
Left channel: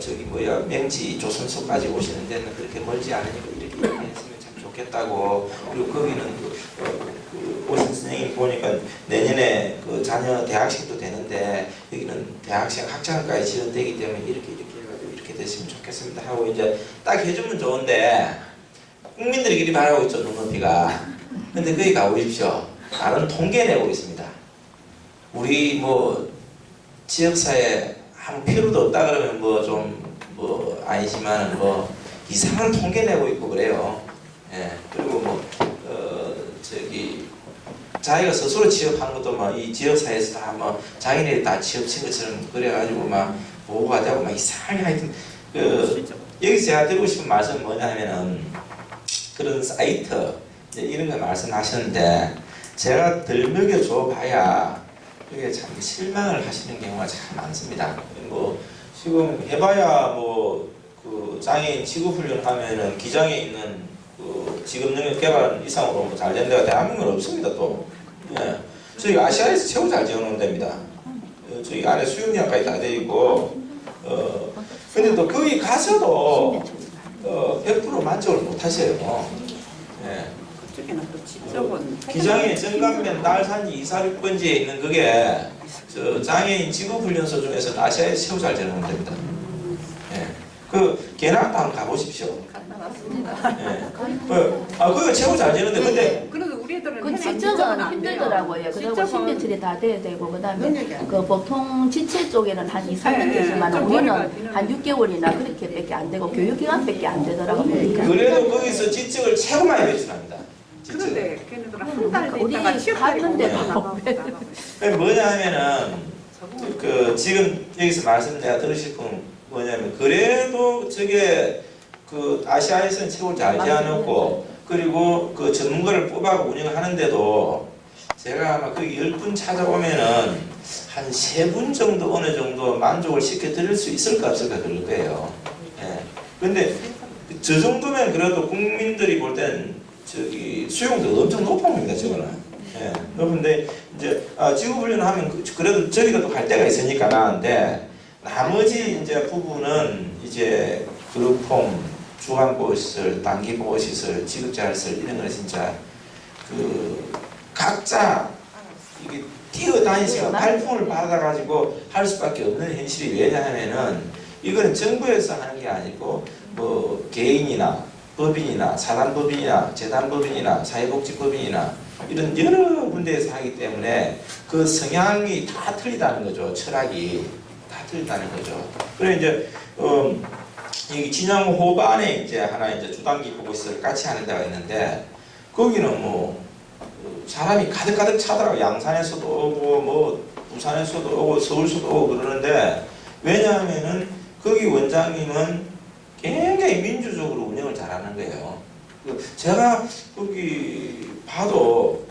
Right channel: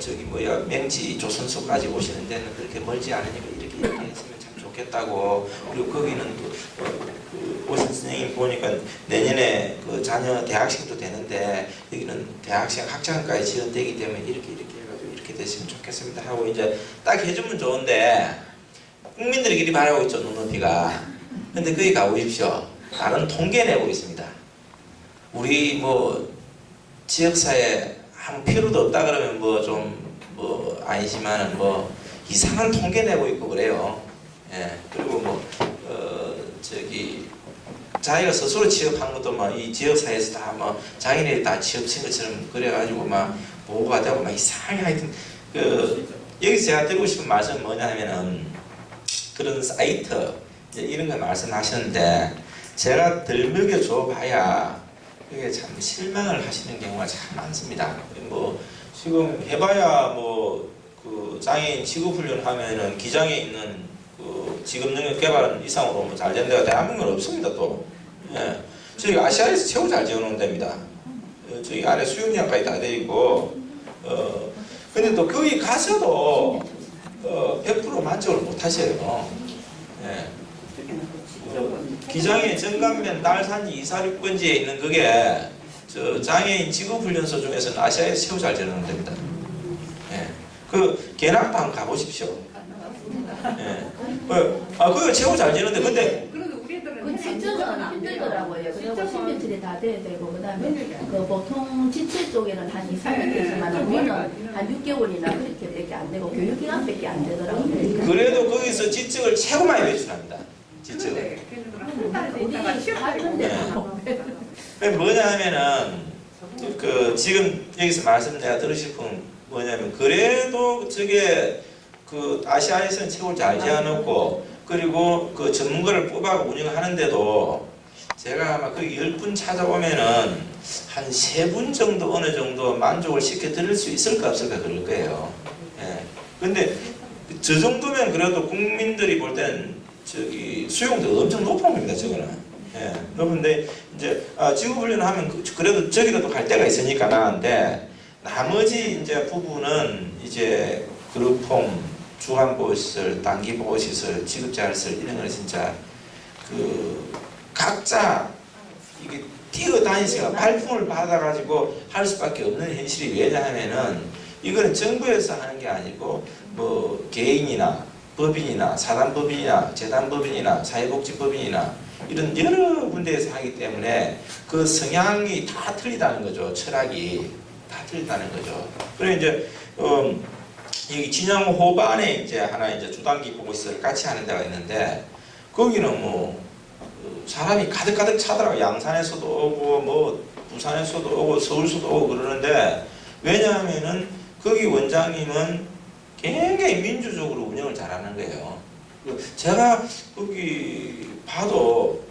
저기 맹지 조선소까지 오시는 데는 그렇게 멀지 않으니까 이렇게 했으면 참 좋겠다고. 그리고 거기는 그 오신 선생님 보니까 내년에 그 자녀 대학생도 되는데 여기는 대학생 학장까지 지원되기 때문에 이렇게 해가지고 이렇게 됐으면 좋겠습니다 하고 이제 딱 해주면 좋은데 국민들끼리 바라고 있죠 눈높이가. 근데 거기 가보십시오. 다른 통계 내고 있습니다. 우리 뭐 지역사회 아무 필요도 없다 그러면 아니지만 이상한 통계 내고 있고 그래요. 예. 그리고 자기가 스스로 취업한 것도 이 지역사회에서 다 자기네들이 다 취업친 것처럼 그래가지고 보고가 되고 이상하게 하여튼 여기서 제가 드리고 싶은 말씀은 뭐냐면은 그런 사이트 이제 이런 거 말씀하셨는데 제가 덜 먹여줘 봐야 그게 참 실망을 하시는 경우가 참 많습니다. 뭐 지금 해봐야 뭐 그 장애인 직업훈련 하면은 기장에 있는 그 직업 능력 개발 이상으로 뭐 잘 된 데가 대한민국은 없습니다 또. 예. 저희 아시아에서 최고 잘 지어놓은 데입니다. 저희 안에 수영장까지 다 돼 있고 근데 또 거기 가서도 100% 만족을 못 하셔요. 예. 그쪽에는 또 지적은 기장의 정감면 딸산지 246번지에 있는 그게 저 장애인 직업훈련소 중에서는 아시아에서 최고 잘 지어놓은 데입니다. 예. 그 개낙도 한번 가보십시오. 나왔습니다. 예. 그거 최고 잘 지는데 근데 그래도 우리 애들은 그 지적은 힘들더라고요. 그리고 신변철이 다 돼야 되고 그다음에 그 보통 지체 쪽에는 한 2, 3년 되지만 우리는 한 6개월이나 그렇게밖에 안 되고 교육기간밖에 안 되더라고요. 그러니까 그래도 거기서 지적을 최고 많이 배출합니다. 지적을. 그런데 걔네들은 한 달에 우리 있다가 취업하고 갔는데도 그게 뭐냐 하면은 그 지금 여기서 말씀 내가 들으실 건 뭐냐면 그래도 저게 그 아시아에서는 최고 잘 지어놓고 그리고 그 전문가를 뽑아 운영하는데도 제가 아마 그 10분 찾아보면은 한 3분 정도 어느 정도 만족을 시켜 드릴 수 있을까 없을까 그럴 거예요. 예. 근데 저 정도면 그래도 국민들이 볼 땐 저기 수용도 엄청 높은 겁니다, 저거는. 예. 그런데 이제 직업훈련 하면 그래도 저기도 또 갈 데가 있으니까 나는데 나머지 이제 부분은 이제 그룹홈, 주간보호시설, 단기보호시설, 지급자활시설 이런 거는 진짜 그 각자 이게 뛰어다니시고 발품을 받아가지고 할 수밖에 없는 현실이 왜냐하면은 이거는 정부에서 하는 게 아니고 뭐 개인이나 법인이나 사단법인이나 재단법인이나 사회복지법인이나 이런 여러 군데에서 하기 때문에 그 성향이 다 틀리다는 거죠. 철학이 다 틀리다는 거죠. 그래 이제 여기 진양 호반에 이제 하나 이제 주단기 보고시설 같이 하는 데가 있는데 거기는 뭐 사람이 가득가득 차더라고. 양산에서도 오고 뭐 부산에서도 오고 서울서도 오고 그러는데 왜냐하면은 거기 원장님은 굉장히 민주적으로 운영을 잘하는 거예요. 제가 거기 봐도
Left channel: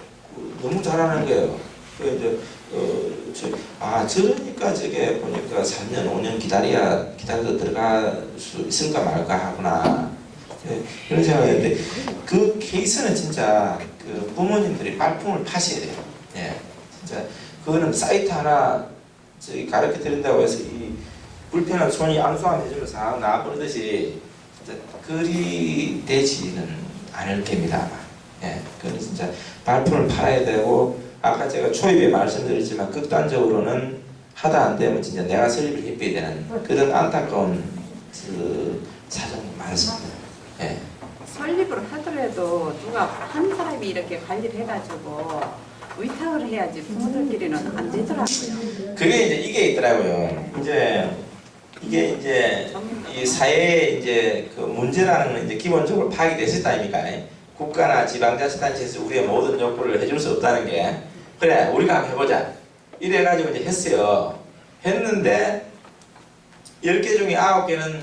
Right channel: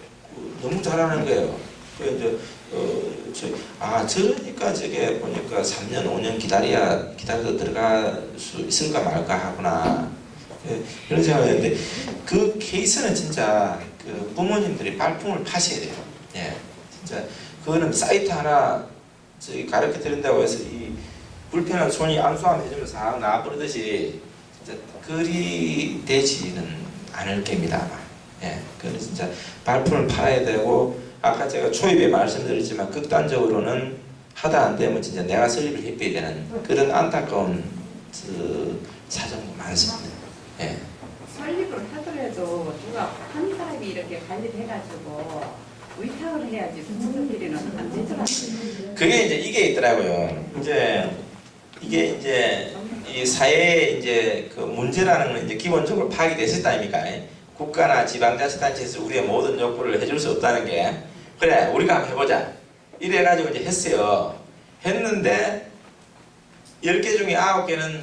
너무 잘하는 거예요. 저러니까 저게 보니까 3년 5년 기다려도 들어갈 수 있을까 말까 하구나 이런 생각했는데 그 케이스는 진짜 그 부모님들이 발품을 파셔야 돼요. 예, 진짜 그거는 사이트 하나 저기 가르쳐 드린다고 해서 이 불편한 손이 안수함 해주면 싹 나와버리듯이 진짜 그리 되지는 않을 겁니다 아마. 예, 그건 진짜 발품을 팔아야 되고 아까 제가 초입에 말씀드렸지만 극단적으로는 하다 안 되면 진짜 내가 설립을 해줘야 되는 그런 안타까운 그 사정이 많습니다. 예. 설립을 하더라도 누가 한 사람이 이렇게 관리를 해가지고 위탁을 해야지 부모들끼리는 안 되더라고요. 그게 이제 이게 있더라고요. 이게 이제 이 사회에 이제 그 문제라는 건 이제 기본적으로 파악이 됐을 아닙니까? 국가나 지방자치단체에서 우리의 모든 요구를 해줄 수 없다는 게 그래 우리가 한번 해보자 이래가지고 이제 했어요. 했는데 10개 중에 9개는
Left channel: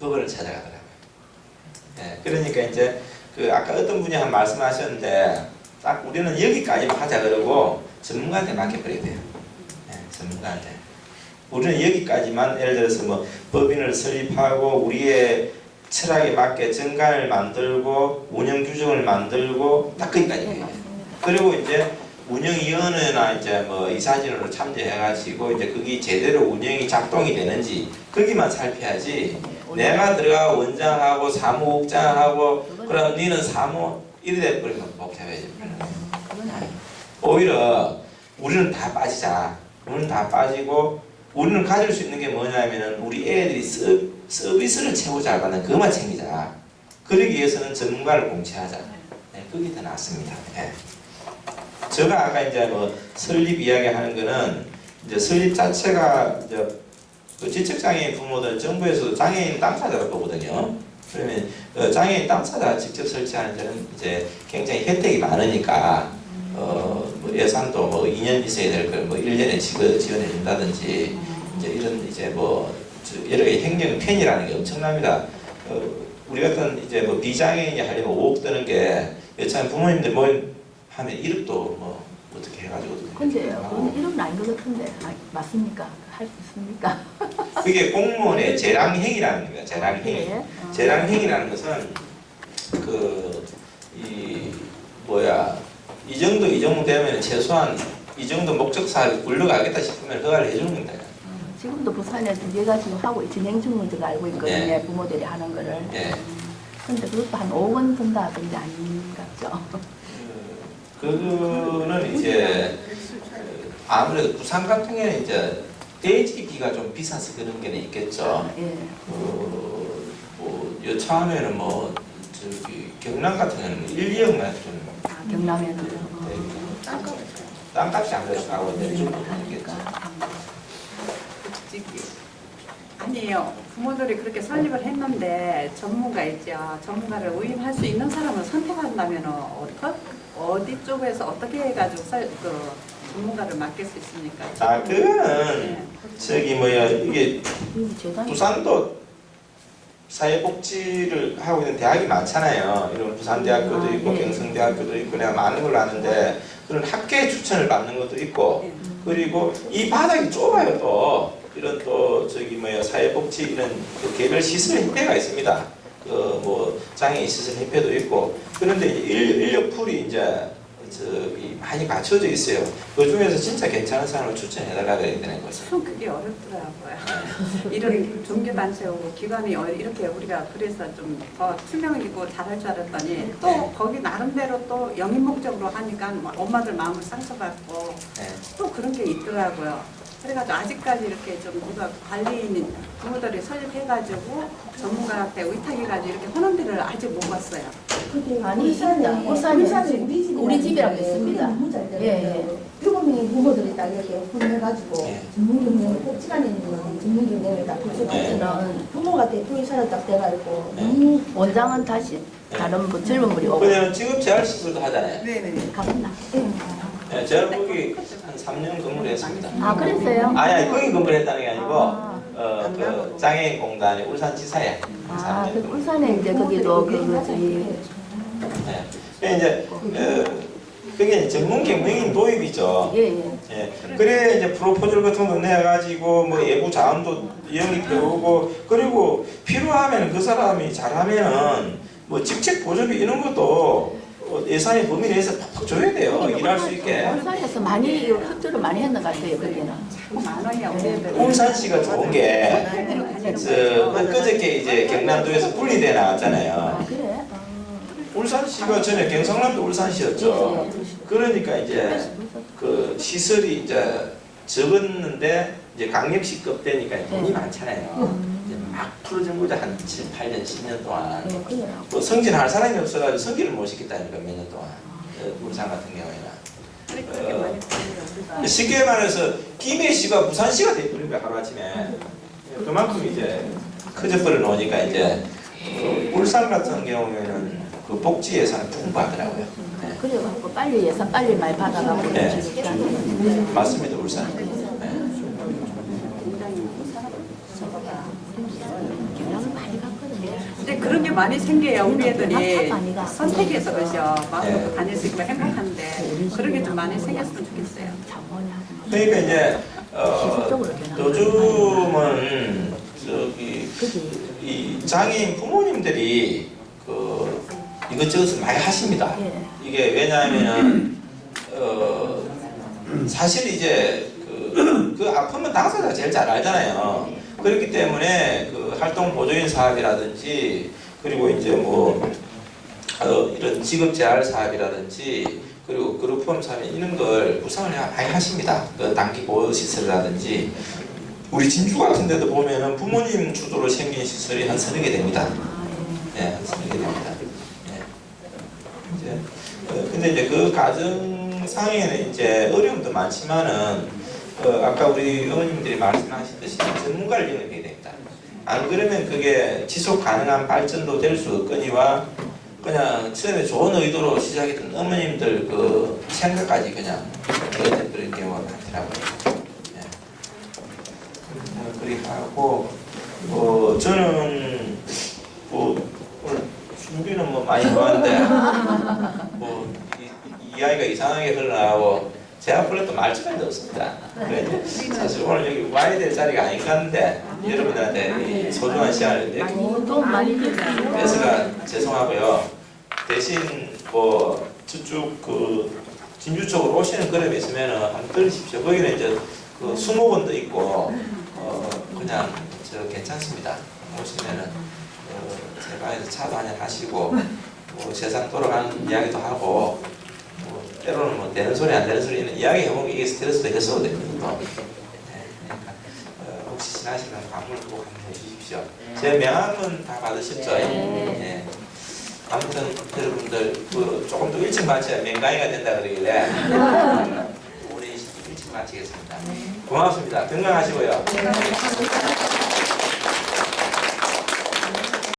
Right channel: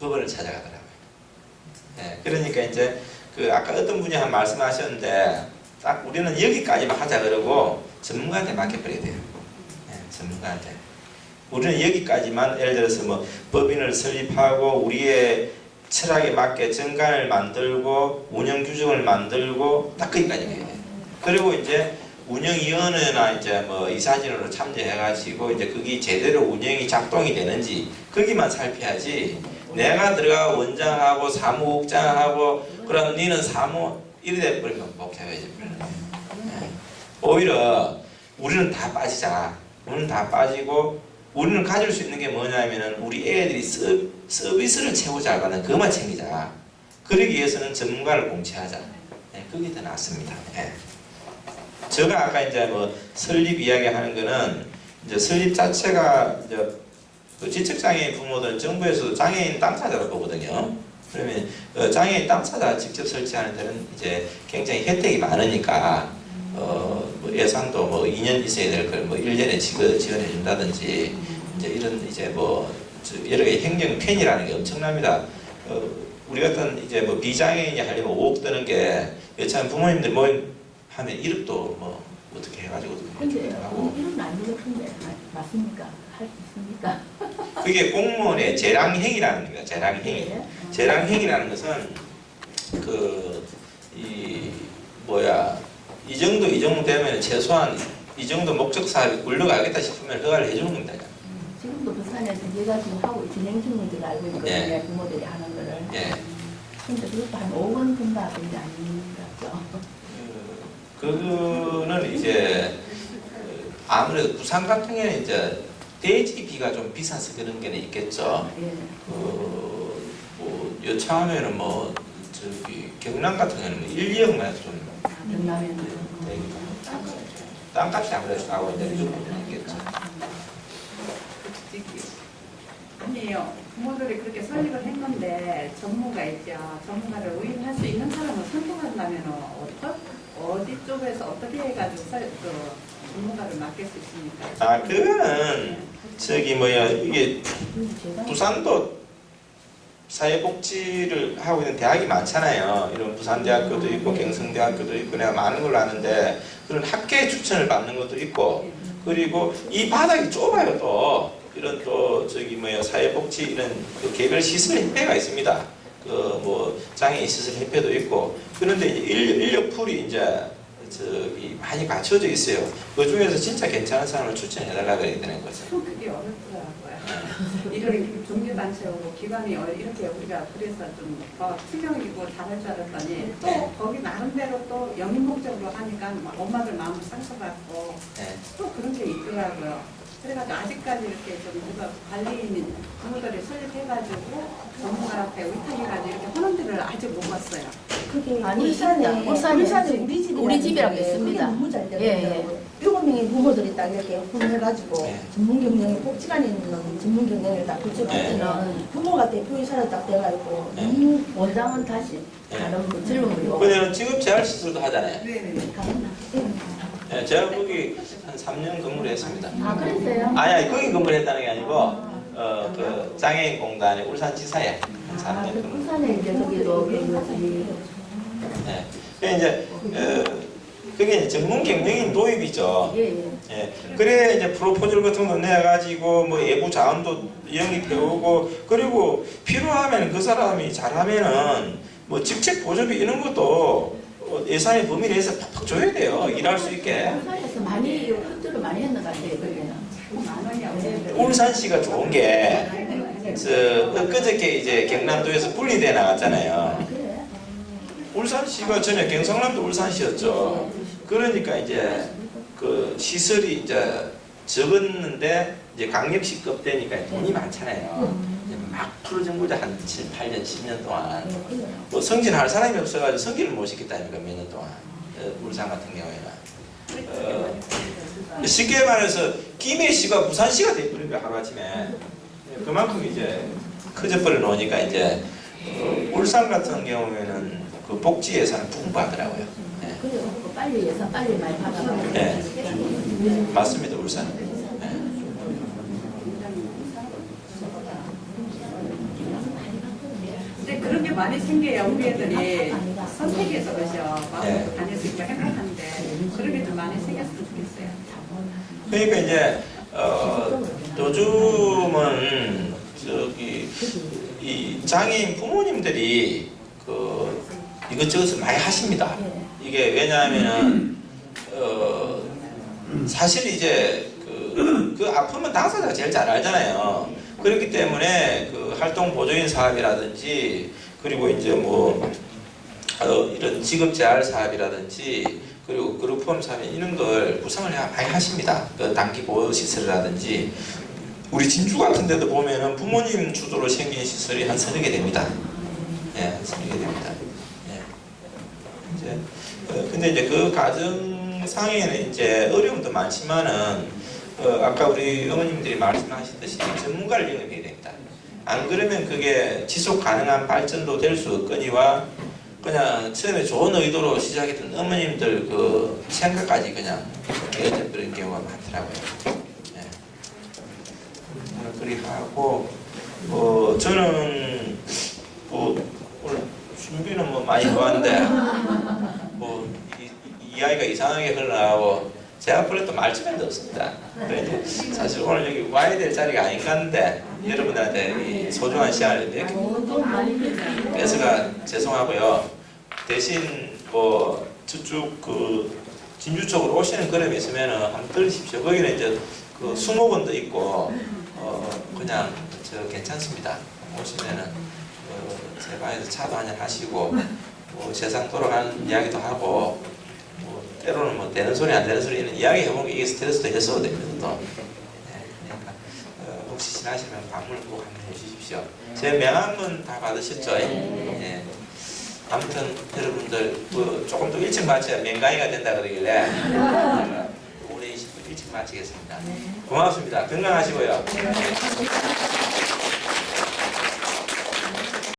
법원을 찾아가더라고요. 예, 그러니까 이제 그 아까 어떤 분이 한 말씀하셨는데 딱 우리는 여기까지만 하자 그러고 전문가한테 맡겨버려야 돼요. 예, 전문가한테. 우리는 여기까지만 예를 들어서 뭐 법인을 설립하고 우리의 철학에 맞게 정관을 만들고 운영 규정을 만들고 딱 거기까지 해요. 그리고 이제 운영위원회나 이제 뭐 이사진으로 참여해가지고 이제 그게 제대로 운영이 작동이 되는지 거기만 살펴야지. 내가 들어가 원장하고 사무국장하고 그럼 니는 사무 이래 돼버리면 복잡해져 버리는 거예요. 오히려 우리는 다 빠지자. 우리는 다 빠지고 우리는 가질 수 있는 게 뭐냐면은 우리 애들이 서비스를 최고 잘 받는 그것만 챙기자. 그러기 위해서는 전문가를 공채하자. 네, 그게 더 낫습니다. 네. 제가 아까 이제 뭐 설립 이야기하는 거는 이제 설립 자체가 이제 그 지적장애인 부모들은 정부에서도 장애인 당사자로 보거든요. 그러면 장애인 당사자 직접 설치하는 데는 이제 굉장히 혜택이 많으니까 뭐 예산도 뭐 2년 있어야 될 걸 뭐 1년에 지원해 준다든지 이제 이런 이제 뭐 여러 가지 행정 편의라는 게 엄청납니다. 우리 같은 이제 뭐 비장애인이 하려면 5억 드는 게 여차하면 부모님들 모임 하면 1억도 뭐 어떻게 해가지고 어떻게 근데 하고 이런 아닌 것 같은데 맞습니까? 할 수 있습니까? 그게 공무원의 재량행위라는 거예요. 재량행위. 예. 재량행위라는 것은 이 정도 되면 최소한 이 정도 목적 사업이 굴러가겠다 싶으면 허가를 해주는 겁니다. 지금도 부산에 2개가 지금 하고 진행 중인 줄 알고 있거든요. 예. 부모들이 하는 거를. 예. 근데 그것도 한 5억 원 든다던데 아닌가죠? 그거는 이제 아무래도 부산 같은 경우는 이제 대지비가 좀 비싸서 그런 게 있겠죠. 예. 뭐 여차하면은 뭐 저기 경남 같은 경우는 뭐 1, 2억만 좀 경남에는. 땅값이 아무래도 나고 이제 이 정도는 있겠죠. 아니에요. 부모들이 그렇게 설립을 했는데 전문가 있죠. 전문가를 의임할 수 있는 사람을 선택한다면 어디 쪽에서 어떻게 해가지고 전문가를 맡길 수 있습니까? 그거는 이게 부산도 사회복지를 하고 있는 대학이 많잖아요. 이런 부산대학교도 있고 경성대학교도 있고 내가 많은 걸로 아는데 그런 학계 추천을 받는 것도 있고 그리고 이 바닥이 좁아요 또 이런 사회복지 이런 개별 시설 협회가 있습니다. 뭐 장애인 시설 협회도 있고 그런데 인력 풀이 이제 많이 갖춰져 있어요. 그 중에서 진짜 괜찮은 사람을 추천해달라고 해야 되는 거죠. 참 그게 어렵더라고요. 이런 종교단체하고 기관이 이렇게 우리가 그래서 좀 더 투명이고 잘할 줄 알았더니 또 거기 나름대로 또 영인 목적으로 하니까 엄마들 마음을 상처받고 또 그런 게 있더라고요. 그래가지고 아직까지 이렇게 좀 누가 관리인 부모들이 설립해가지고 전문가한테 의탁해가지고 이렇게 하는 데를 아직 못 봤어요. 그게 아니, 울산에 울산에 우리 집이라고 있습니다. 너무 잘 예, 되거든요. 7명의 부모들이 딱 이렇게 혼해가지고 전문 경영을 복지관에 있는 전문 경영을 딱 구축하면은 부모가 대표이사로 딱 돼가지고 너무 원장은 다시 다른 뭐 젊은 분이 오고 근데 지금 재활시설도 하잖아요. 네네. 가봤나? 제가 거기 한 3년 근무를 했습니다. 아 그랬어요? 아니 거기 근무를 했다는 게 아니고 그 장애인 공단의 울산지사에 3년 그 근무. 울산에 이제 거기도 그거지. 네. 이제 그게 전문 경영인 도입이죠. 예. 그래 이제 프로포절 같은 거 내가지고 뭐 예부 자원도 영입해오고 그리고 필요하면 그 사람이 잘하면은 뭐 직책 보조비 이런 것도 예산의 범위 내에서 팍팍 줘야 돼요. 일할 수 있게. 울산에서 많이 협조를 많이 했는 것 같아요. 거기는. 만 원이야 우리 애들. 울산시가 좋은 게 그저께 이제 경남도에서 분리돼 나왔잖아요. 그래? 울산시가 전에 경상남도 울산시였죠. 그러니까 이제 그 시설이 이제 적었는데 이제 강력시급 되니까 돈이 많잖아요. 이제 막 풀어준 거죠. 한 7, 8년, 10년 동안. 뭐 승진할 사람이 없어가지고 승진을 못 시켰다니까 몇 년 동안. 울산 같은 경우에는. 쉽게 말해서 김해시가 부산시가 돼버린 거야 하루아침에. 그만큼 이제 커져버려 놓으니까 이제 울산 같은 경우에는 그 복지 예산은 풍부하더라고요. 그래가지고 빨리 예산 빨리 많이 받아가지고. 네. 맞습니다 울산. 근데 그런 게 많이 생겨요. 우리 애들이 많이 갔어. 선택해서 그죠. 마음으로 네. 다닐 수 있고 행복한데 그런 게 좀 많이 생겼으면 좋겠어요. 그러니까 이제 요즘은 이 장애인 부모님들이 그 이것저것을 많이 하십니다. 이게 왜냐하면은 사실 이제 그 아프면 당사자가 제일 잘 알잖아요. 그렇기 때문에 그 활동 보조인 사업이라든지 그리고 이제 뭐 이런 직업 재활 사업이라든지 그리고 그룹홈 사업 이런 걸 구성을 많이 하십니다. 그 단기 보호 시설이라든지 우리 진주 같은 데도 보면은 부모님 주도로 생긴 시설이 한 30개 됩니다. 한 30개 됩니다. 이제 근데 이제 그 가정상에는 이제 어려움도 많지만은 아까 우리 어머님들이 말씀하셨듯이 전문가를 영입해야 됩니다. 안 그러면 그게 지속 가능한 발전도 될 수 없거니와 그냥 처음에 좋은 의도로 시작했던 어머님들 그 생각까지 그냥 그런 경우가 많더라고요. 그리 하고 저는 많이 좋았는데 뭐 이야기가 이상하게 흘러나가고 제 앞으로 또 말주변도 없습니다. 그래도 사실 오늘 여기 와야 될 자리가 아닌 것 같은데 여러분들한테 이 소중한 시간을 이렇게 뺏어가 죄송하고요. 대신 뭐 저쪽 그 진주 쪽으로 오시는 그림이 있으면은 한번 들으십시오. 거기는 이제 그 수목원도 있고 그냥 저 괜찮습니다. 오시면은 제 방에서 차도 한잔 하시고 뭐 세상 돌아가는 이야기도 하고 뭐 때로는 뭐 되는 소리 안 되는 소리는 이야기 해보면 이게 스트레스도 해소가 됩니다. 또. 네, 그러니까 혹시 지나시면 방문 꼭 한번 해주십시오. 제 명함은 다 받으셨죠? 네. 아무튼 여러분들 그 조금 더 일찍 마쳐야 맹강이가 된다 그러길래 우리 일찍 마치겠습니다. 고맙습니다. 건강하시고요.